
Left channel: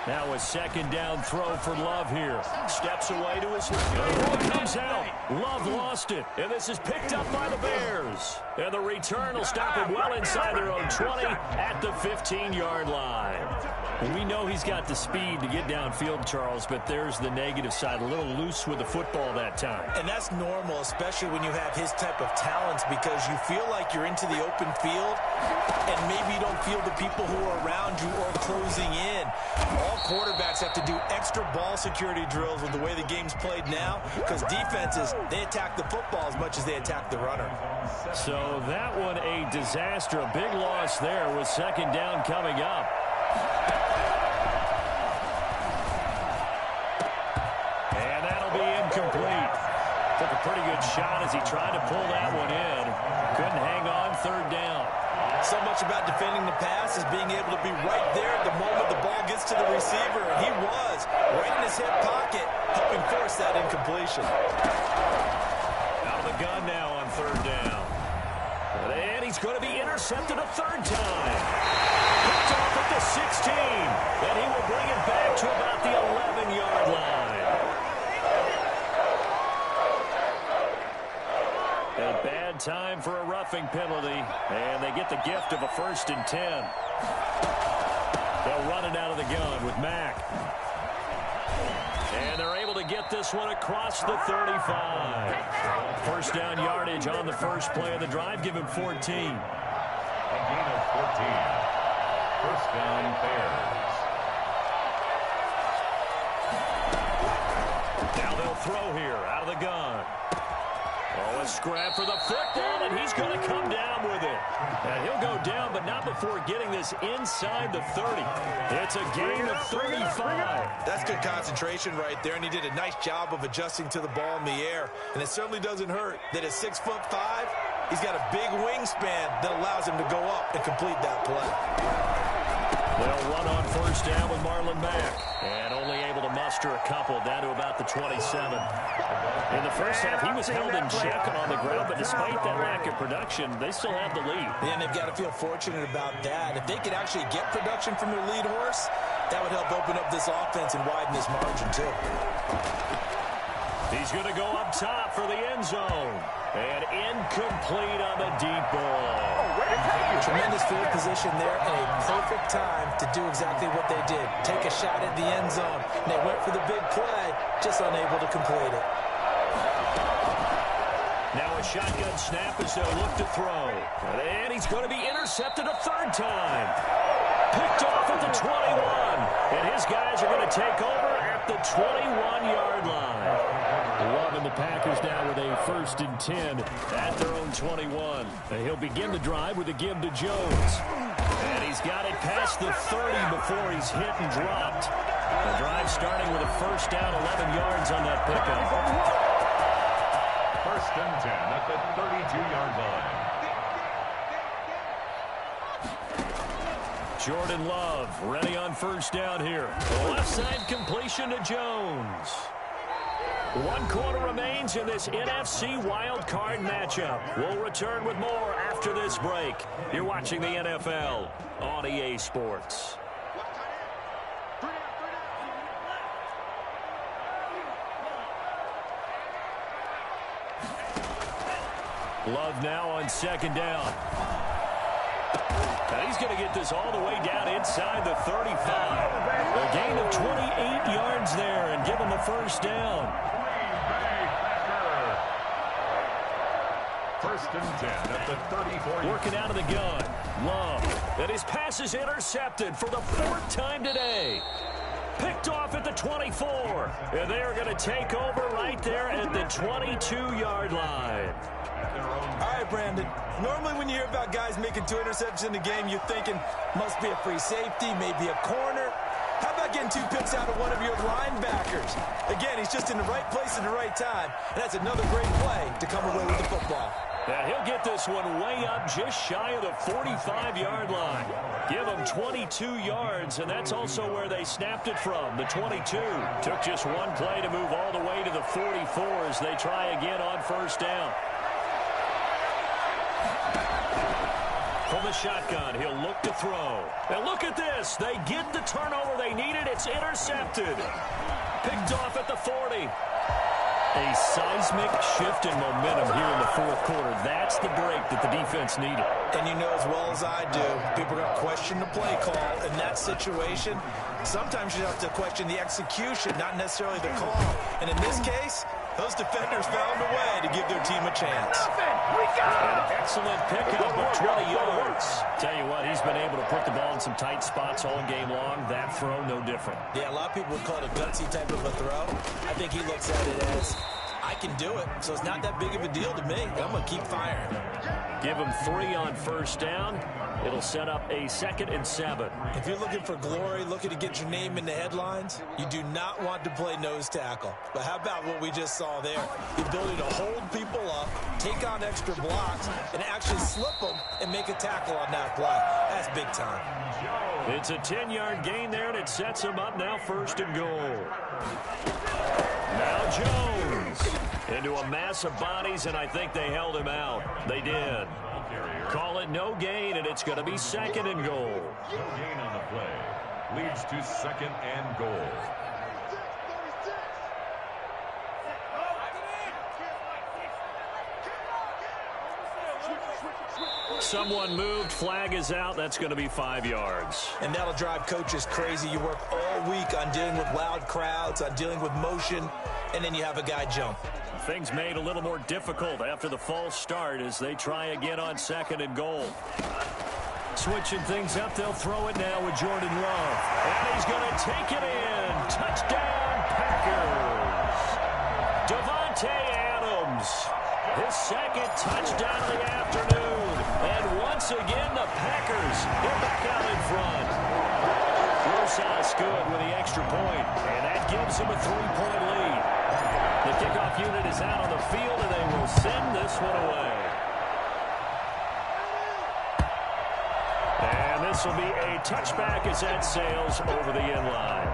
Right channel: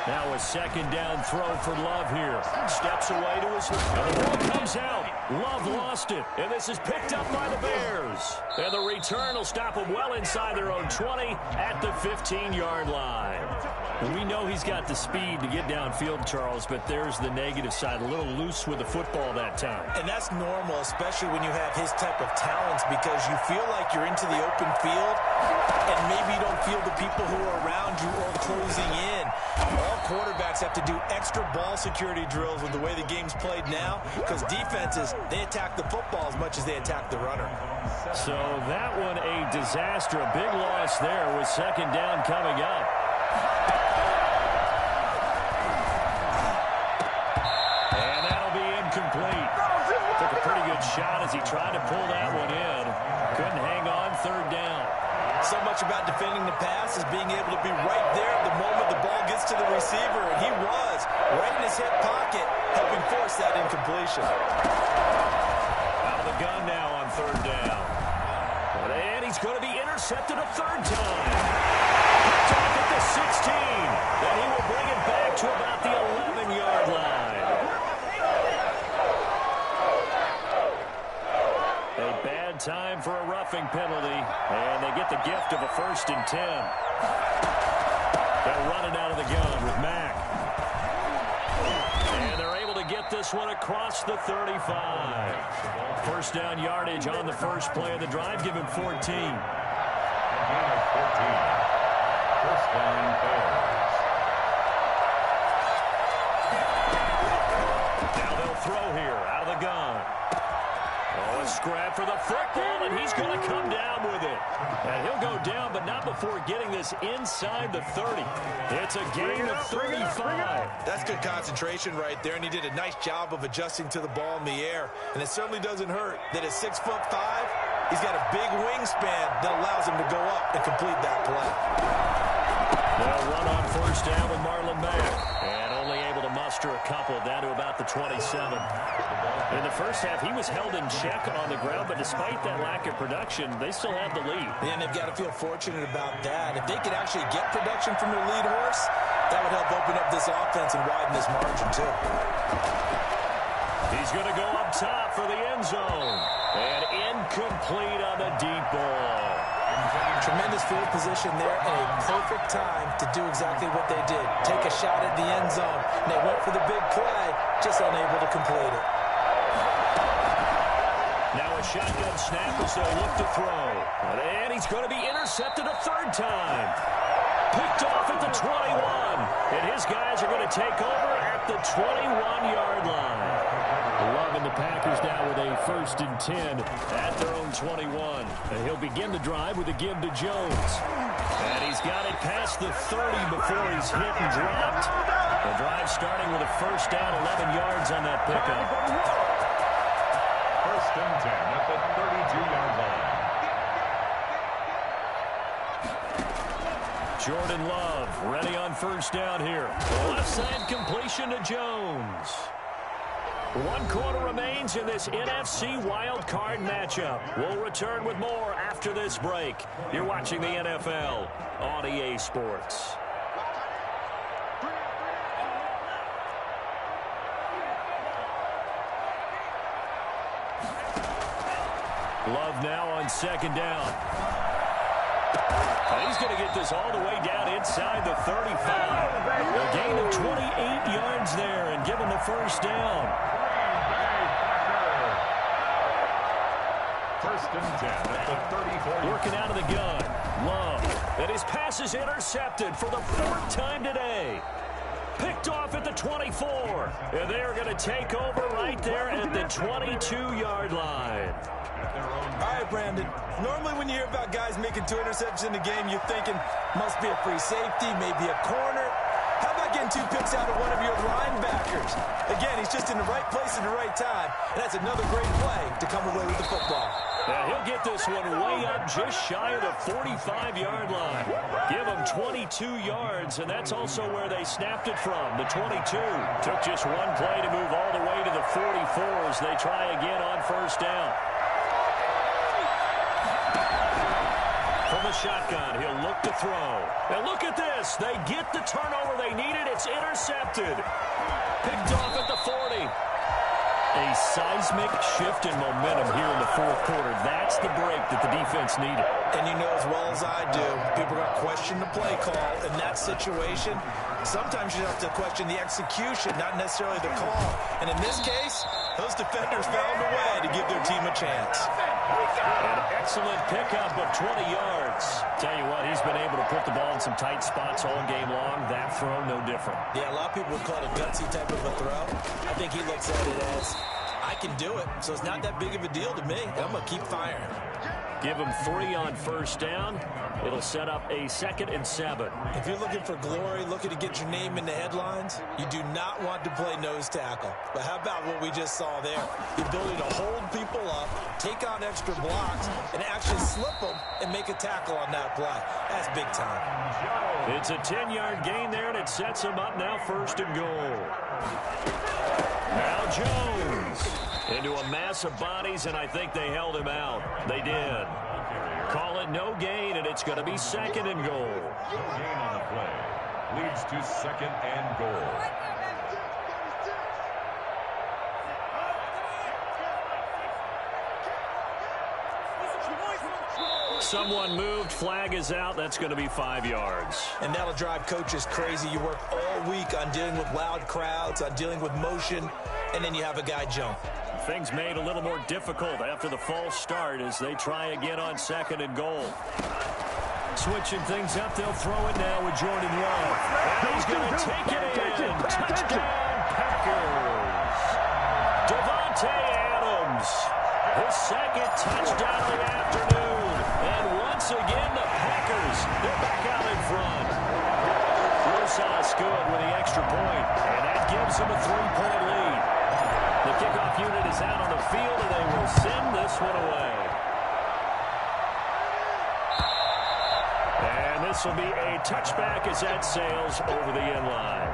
Now a second down throw for Love here. Steps away to his left. And the ball comes out. Love lost it. And this is picked up by the Bears. And the return will stop them well inside their own 20 at the 15-yard line. We know he's got the speed to get downfield, Charles, but there's the negative side. A little loose with the football that time. And that's normal, especially when you have his type of talents, because you feel like you're into the open field and maybe you don't feel the people who are around you or closing in. All quarterbacks have to do extra ball security drills with the way the game's played now, because defenses, they attack the football as much as they attack the runner. So that one a disaster. A big loss there with second down coming up. And that'll be incomplete. Took a pretty good shot as he tried to pull that one in. Couldn't hang on third down. So much about defending the pass is being able to be right there at the moment the ball gets to the receiver, and he was right in his hip pocket, helping force that incompletion. Out of the gun now on third down. And he's going to be intercepted a third time. Picked off at the 16, and he will bring it back to about the 11-yard line. A bad time for a roughing penalty, and they get the gift of a 1st and 10. They'll run it out of the gun with Mack. And they're able to get this one across the 35. First down yardage on the first play of the drive. Give him 14. A gain of 14. First down, Bears. Now they'll throw here out of the gun. Oh, a scrap for the football, and he's going to come down with it. And he'll go down, but not before getting this inside the 30. It's a gain of 35. That's good concentration right there, and he did a nice job of adjusting to the ball in the air. And it certainly doesn't hurt that at 6'5", he's got a big wingspan that allows him to go up and complete that play. They'll run on first down with Marlon Mack. And only able to muster a couple down to about the 27. In the first half, he was held in check on the ground, but despite that lack of production, they still have the lead. And they've got to feel fortunate about that. If they could actually get production from their lead horse, that would help open up this offense and widen this margin, too. He's going to go up top for the end zone. And incomplete on the deep ball. Tremendous field position there and a perfect time to do exactly what they did. Take a shot at the end zone. And they went for the big play, just unable to complete it. Now a shotgun snap as they'll look to throw. And he's going to be intercepted a third time. Picked off at the 21. And his guys are going to take over at the 21-yard line. Love and the Packers now with a 1st and 10 at their own 21. He'll begin the drive with a give to Jones. And he's got it past the 30 before he's hit and dropped. The drive starting with a first down, 11 yards on that pickup. 1st and 10 at the 32-yard line. Jordan Love ready on first down here. Left side completion to Jones. 1 quarter remains in this NFC Wild Card matchup. We'll return with more after this break. You're watching the NFL on EA Sports. Love now on second down. And he's going to get this all the way down inside the 35. A gain of 28 yards there and give him a first down. 1st and 10 at the 34. Working out of the gun. Love. And his pass is intercepted for the 4th time today. Picked off at the 24. And they are going to take over right there at the 22-yard line. All right, Brandon. Normally when you hear about guys making 2 interceptions in a game, you're thinking must be a free safety, maybe a corner. How about getting 2 picks out of one of your linebackers? Again, he's just in the right place at the right time, and that's another great play to come away with the football. And he'll get this one way up just shy of the 45-yard line. Give him 22 yards, and that's also where they snapped it from, the 22. Took just one play to move all the way to the 44 as they try again on first down. From the shotgun, he'll look to throw. And look at this. They get the turnover they needed it's intercepted. Picked off at the 40. A seismic shift in momentum here in the fourth quarter. That's the break that the defense needed. And you know as well as I do, people are going to question the play call in that situation. Sometimes you have to question the execution, not necessarily the call. And in this case, those defenders found a way to give their team a chance. An excellent pickup of 20 yards. Tell you what, he's been able to put the ball in some tight spots all game long. That throw, no different. Yeah, a lot of people would call it a gutsy type of a throw. I think he looks at it as, I can do it, so it's not that big of a deal to me. I'm going to keep firing. Give him 3 on first down. It'll set up a 2nd and 7. If you're looking for glory, looking to get your name in the headlines, you do not want to play nose tackle. But how about what we just saw there? The ability to hold people up, take on extra blocks, and actually slip them and make a tackle on that play. That's big time. It's a 10-yard gain there, and it sets him up now 1st and goal. Now Jones into a mass of bodies, and I think they held him out. They did. Call it no gain, and it's going to be 2nd and goal. No gain on the play. Leads to 2nd and goal. Someone moved. Flag is out. That's going to be 5 yards. And that'll drive coaches crazy. You work all week on dealing with loud crowds, on dealing with motion, and then you have a guy jump. Things made a little more difficult after the false start as they try again on 2nd and goal. Switching things up, they'll throw it now with Jordan Love. And he's going to take it in. Touchdown, Packers. Davante Adams, his 2nd touchdown of the afternoon. And once again, the Packers, they're back out in front. Rosas good with the extra point, and that gives them a 3-point lead. The kickoff unit is out on the field, and they will send this one away. And this will be a touchback as that sails over the end line.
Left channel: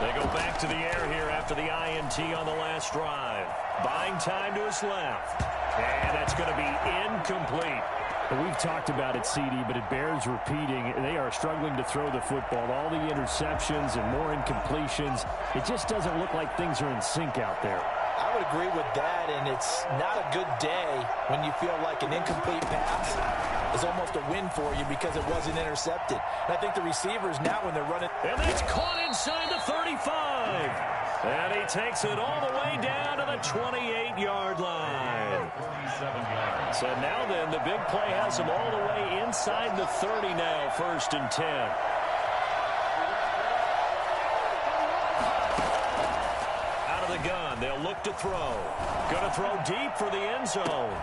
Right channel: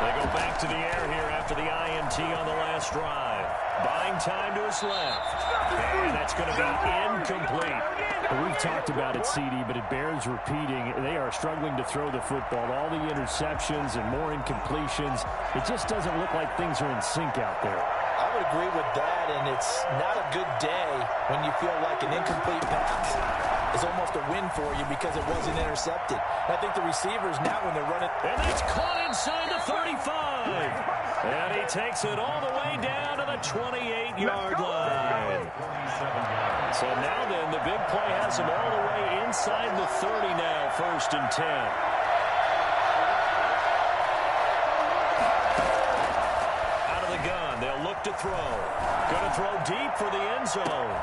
They go back to the air here after the INT on the last drive. Buying time to his left. And that's going to be incomplete. Well, we've talked about it, CD, but it bears repeating. They are struggling to throw the football. All the interceptions and more incompletions. It just doesn't look like things are in sync out there. I would agree with that, and it's not a good day when you feel like an incomplete pass is almost a win for you because it wasn't intercepted. And I think the receivers now when they're running. And that's caught inside the 35. And he takes it all the way down to the 28-yard line. So now then, the big play has him all the way inside the 30 now, 1st and 10. Out of the gun, they'll look to throw. Going to throw deep for the end zone.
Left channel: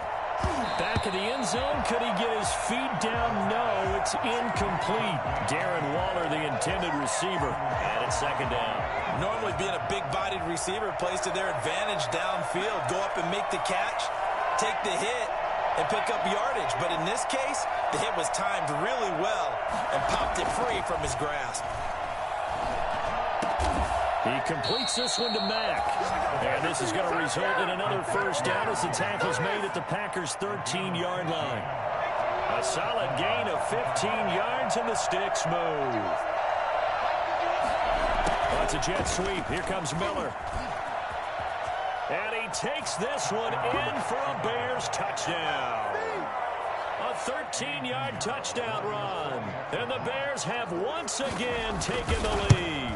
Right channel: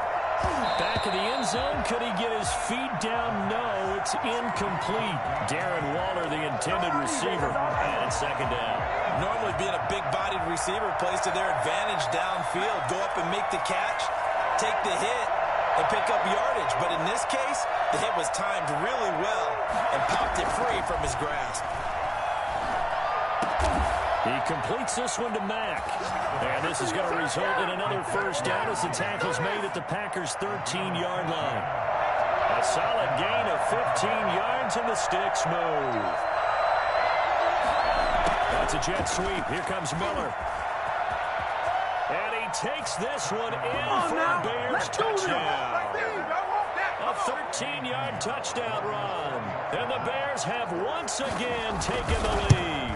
Back of the end zone, could he get his feet down? No, it's incomplete. Darren Waller, the intended receiver, and it's 2nd down. Normally being a big-bodied receiver plays to their advantage downfield. Go up and make the catch, take the hit, and pick up yardage. But in this case, the hit was timed really well and popped it free from his grasp. He completes this one to Mack. And this is going to result in another 1st down as the tackle's made at the Packers' 13-yard line. A solid gain of 15 yards and the sticks move. Oh, it's a jet sweep. Here comes Miller. And he takes this one in for a Bears touchdown. A 13-yard touchdown run. And the Bears have once again taken the lead.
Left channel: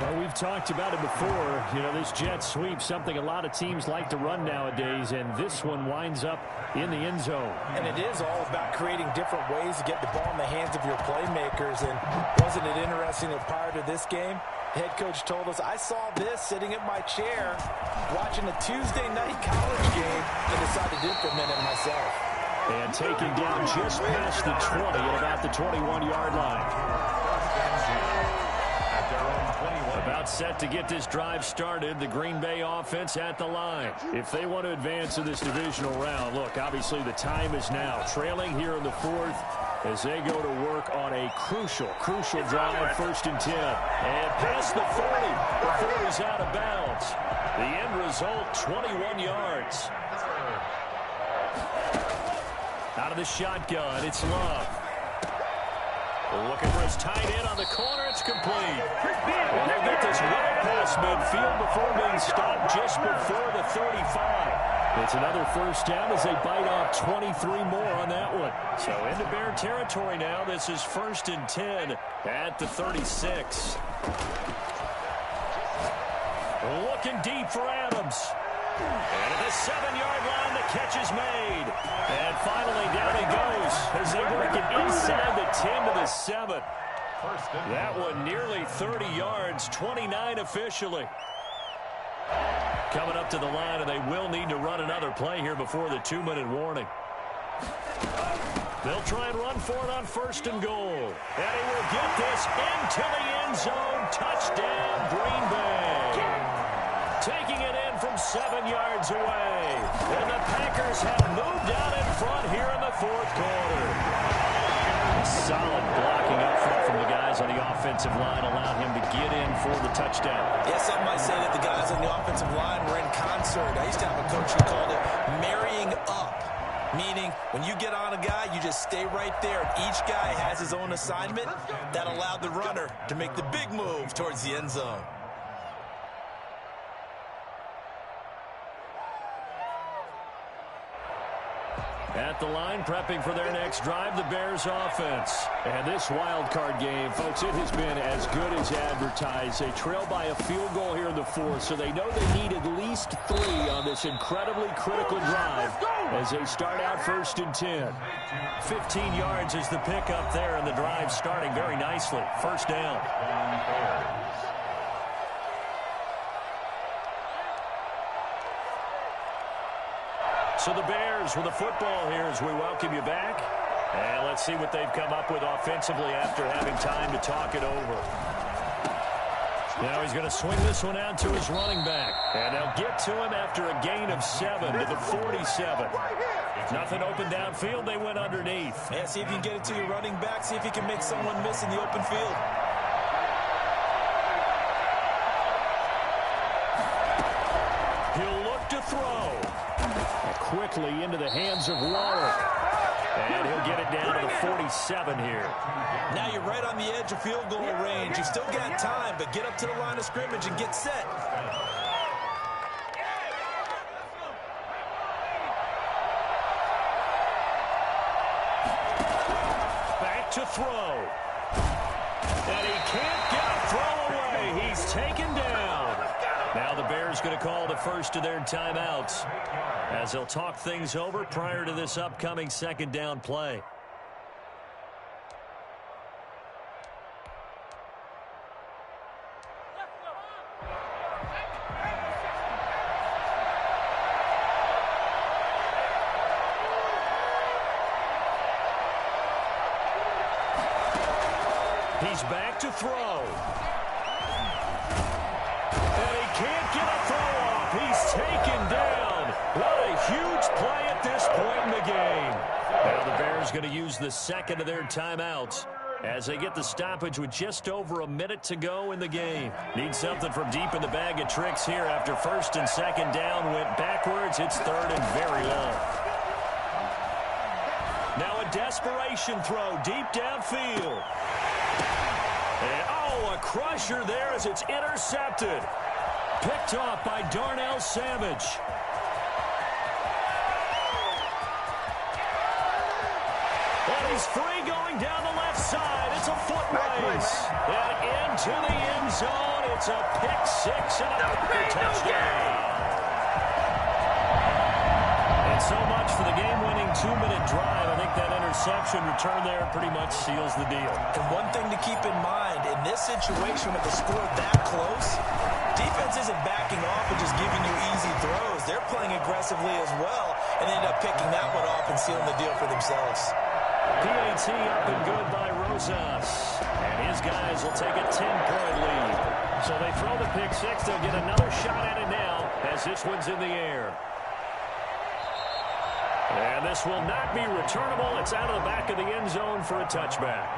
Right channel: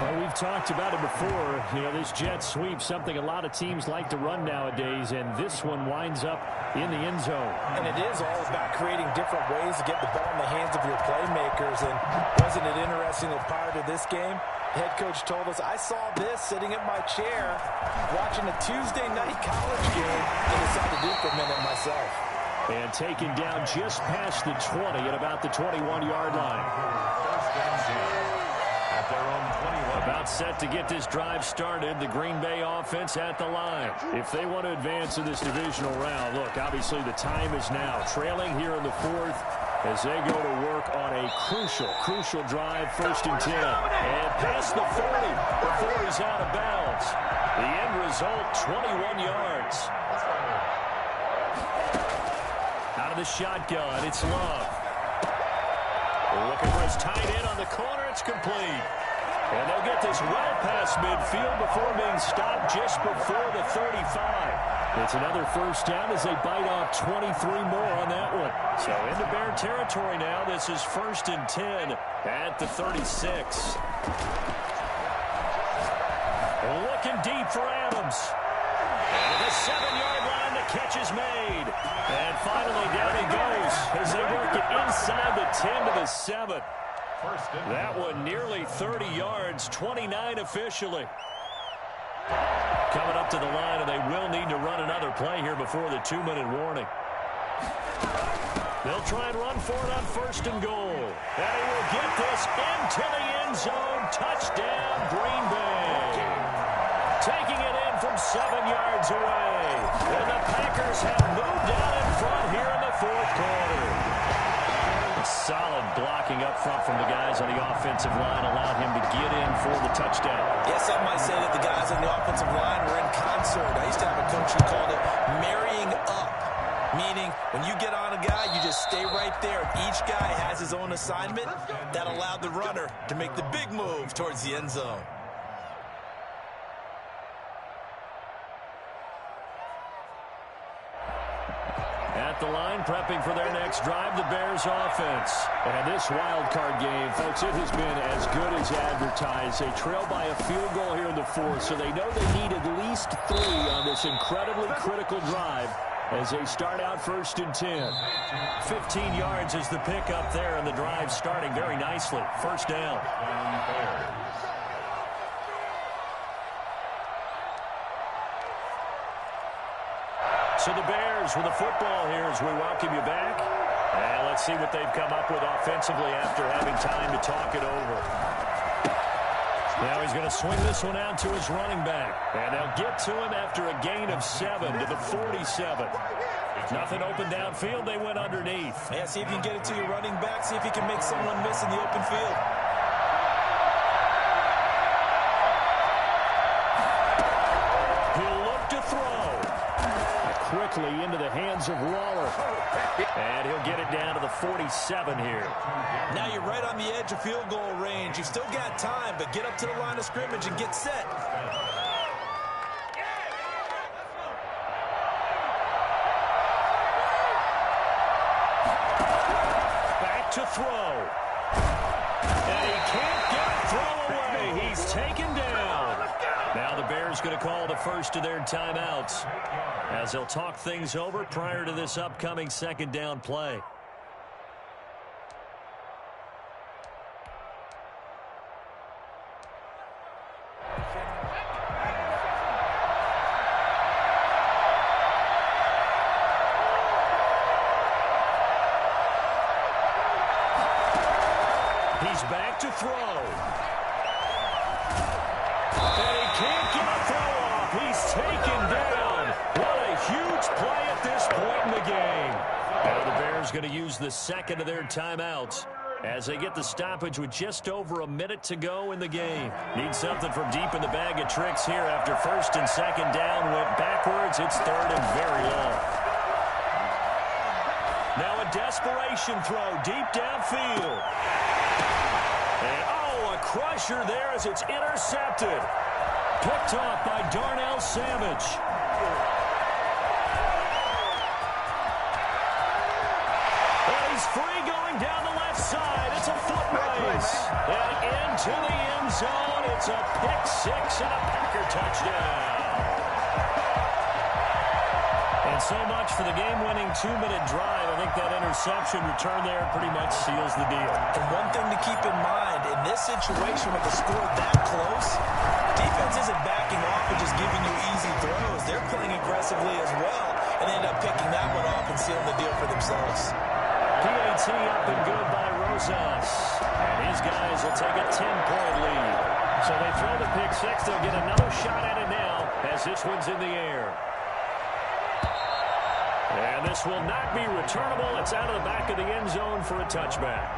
Well, we've talked about it before. You know, this jet sweep, something a lot of teams like to run nowadays, and this one winds up in the end zone. And it is all about creating different ways to get the ball in the hands of your playmakers. And wasn't it interesting that prior to this game, the head coach told us, I saw this sitting in my chair watching a Tuesday night college game and decided to implement it myself. And taken down just past the 20 at about the 21-yard line. At their own 21. About set to get this drive started. The Green Bay offense at the line. If they want to advance in this divisional round, look, obviously the time is now. Trailing here in the 4th. as they go to work on a crucial drive, 1st and 10. And past the 40 before he's out of bounds. The end result, 21 yards. Out of the shotgun, it's Love. Looking for his tight end on the corner. It's complete. And they'll get this well past midfield before being stopped just before the 35. It's another 1st down as they bite off 23 more on that one. So into Bear territory now. This is 1st and 10 at the 36. Looking deep for Adams. And at the 7-yard line, the catch is made. And finally, down he goes as they work it inside the 10 to the 7. That one nearly 30 yards, 29 officially. Coming up to the line, and they will need to run another play here before the 2-minute warning. They'll try and run for it on 1st and goal. And he will get this into the end zone. Touchdown, Green Bay. Taking it in from 7 yards away. And the Packers have moved out in front here in the 4th quarter. Solid blocking up front from the guys on the offensive line allowed him to get in for the touchdown. Yeah, some might say that the guys on the offensive line were in concert. I used to have a coach who called it marrying up, meaning when you get on a guy, you just stay right there. Each guy has his own assignment. That allowed the runner to make the big move towards the end zone. At the line, prepping for their next drive, the Bears offense. And this wild card game, folks, it has been as good as advertised. They trail by a field goal here in the 4th, so they know they need at least 3 on this incredibly critical drive as they start out 1st and 10. 15 yards is the pickup there, and the drive starting very nicely. 1st down. So the Bears with the football here as we welcome you back. And let's see what they've come up with offensively after having time to talk it over. Now he's going to swing this one out to his running back. And they'll get to him after a gain of 7 to the 47. Nothing open downfield. They went underneath. Yeah, see if you can get it to your running back. See if you can make someone miss in the open field. He'll look to throw. Quickly into the hands of Waller. And he'll get it down to the 47 here. Now you're right on the edge of field goal range. You've still got time, but get up to the line of scrimmage and get set. Back to throw. And he can't get a throw away. He's taken down. Now the Bears going to call the first of their timeouts as they'll talk things over prior to this upcoming 2nd down play. He's back to throw. And he can't get a throw off. He's taken down. What a huge play at this point in the game. Now the Bears going to use the 2nd of their timeouts as they get the stoppage with just over a minute to go in the game. Need something from deep in the bag of tricks here after 1st and 2nd down went backwards. It's 3rd and very long. Now a desperation throw deep downfield. And, oh, a crusher there as it's intercepted. Picked off by Darnell Savage. And he's free going down the left side. It's a foot race. And into the end zone. It's a pick 6 and a Packer touchdown. And so much for the game-winning 2-minute drive. I think that interception return there pretty much seals the deal. And one thing to keep in mind, in this situation with the score that close, defense isn't backing off and just giving you easy throws. They're playing aggressively as well and end up picking that one off and sealing the deal for themselves. PAT up and good by Rosas. And his guys will take a 10-point lead. So they throw the pick 6. They'll get another shot at it now as this one's in the air. And this will not be returnable. It's out of the back of the end zone for a touchback.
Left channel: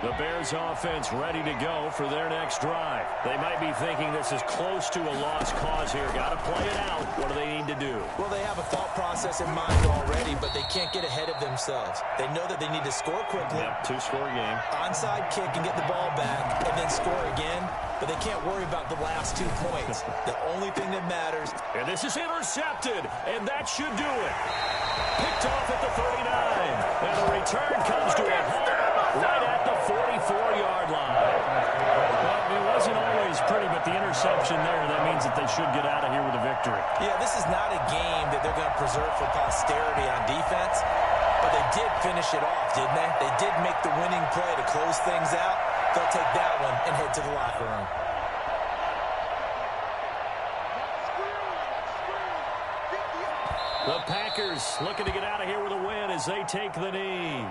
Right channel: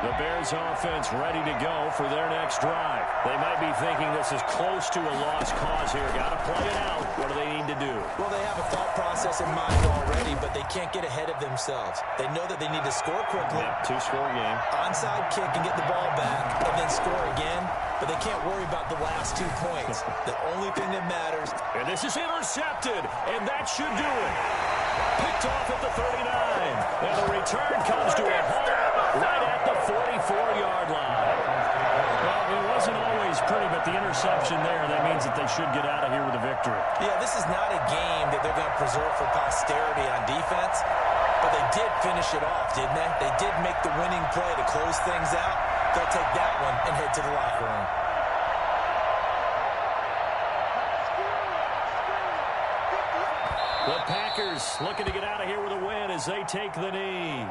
The Bears offense ready to go for their next drive. They might be thinking this is close to a lost cause here. Got to play it out. What do they need to do? Well, they have a thought process in mind already, but they can't get ahead of themselves. They know that they need to score quickly. Yep, two-score game. Onside kick and get the ball back and then score again, but they can't worry about the last 2 points. The only thing that matters. And this is intercepted, and that should do it. Picked off at the 39. And the return comes to a halt right at the 44-yard line. Well, it wasn't always pretty, but the interception there, that means that they should get out of here with a victory. Yeah, this is not a game that they're going to preserve for posterity on defense, but they did finish it off, didn't they? They did make the winning play to close things out. They'll take that one and head to the locker room. The Packers looking to get out of here with a win as they take the knee.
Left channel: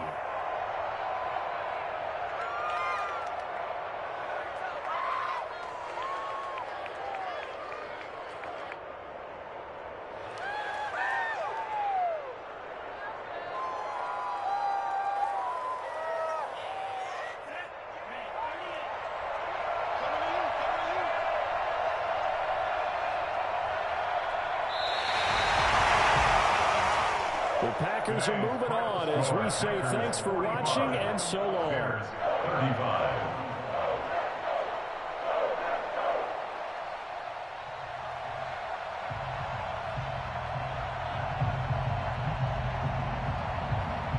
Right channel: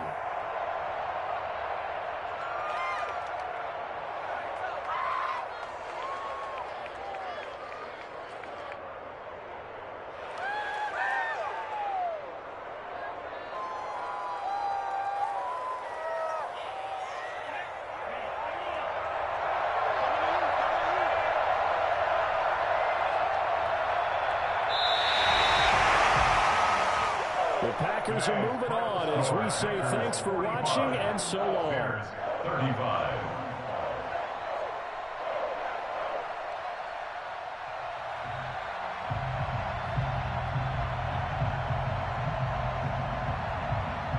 The Packers are moving on as we say thanks for watching and so long. 35.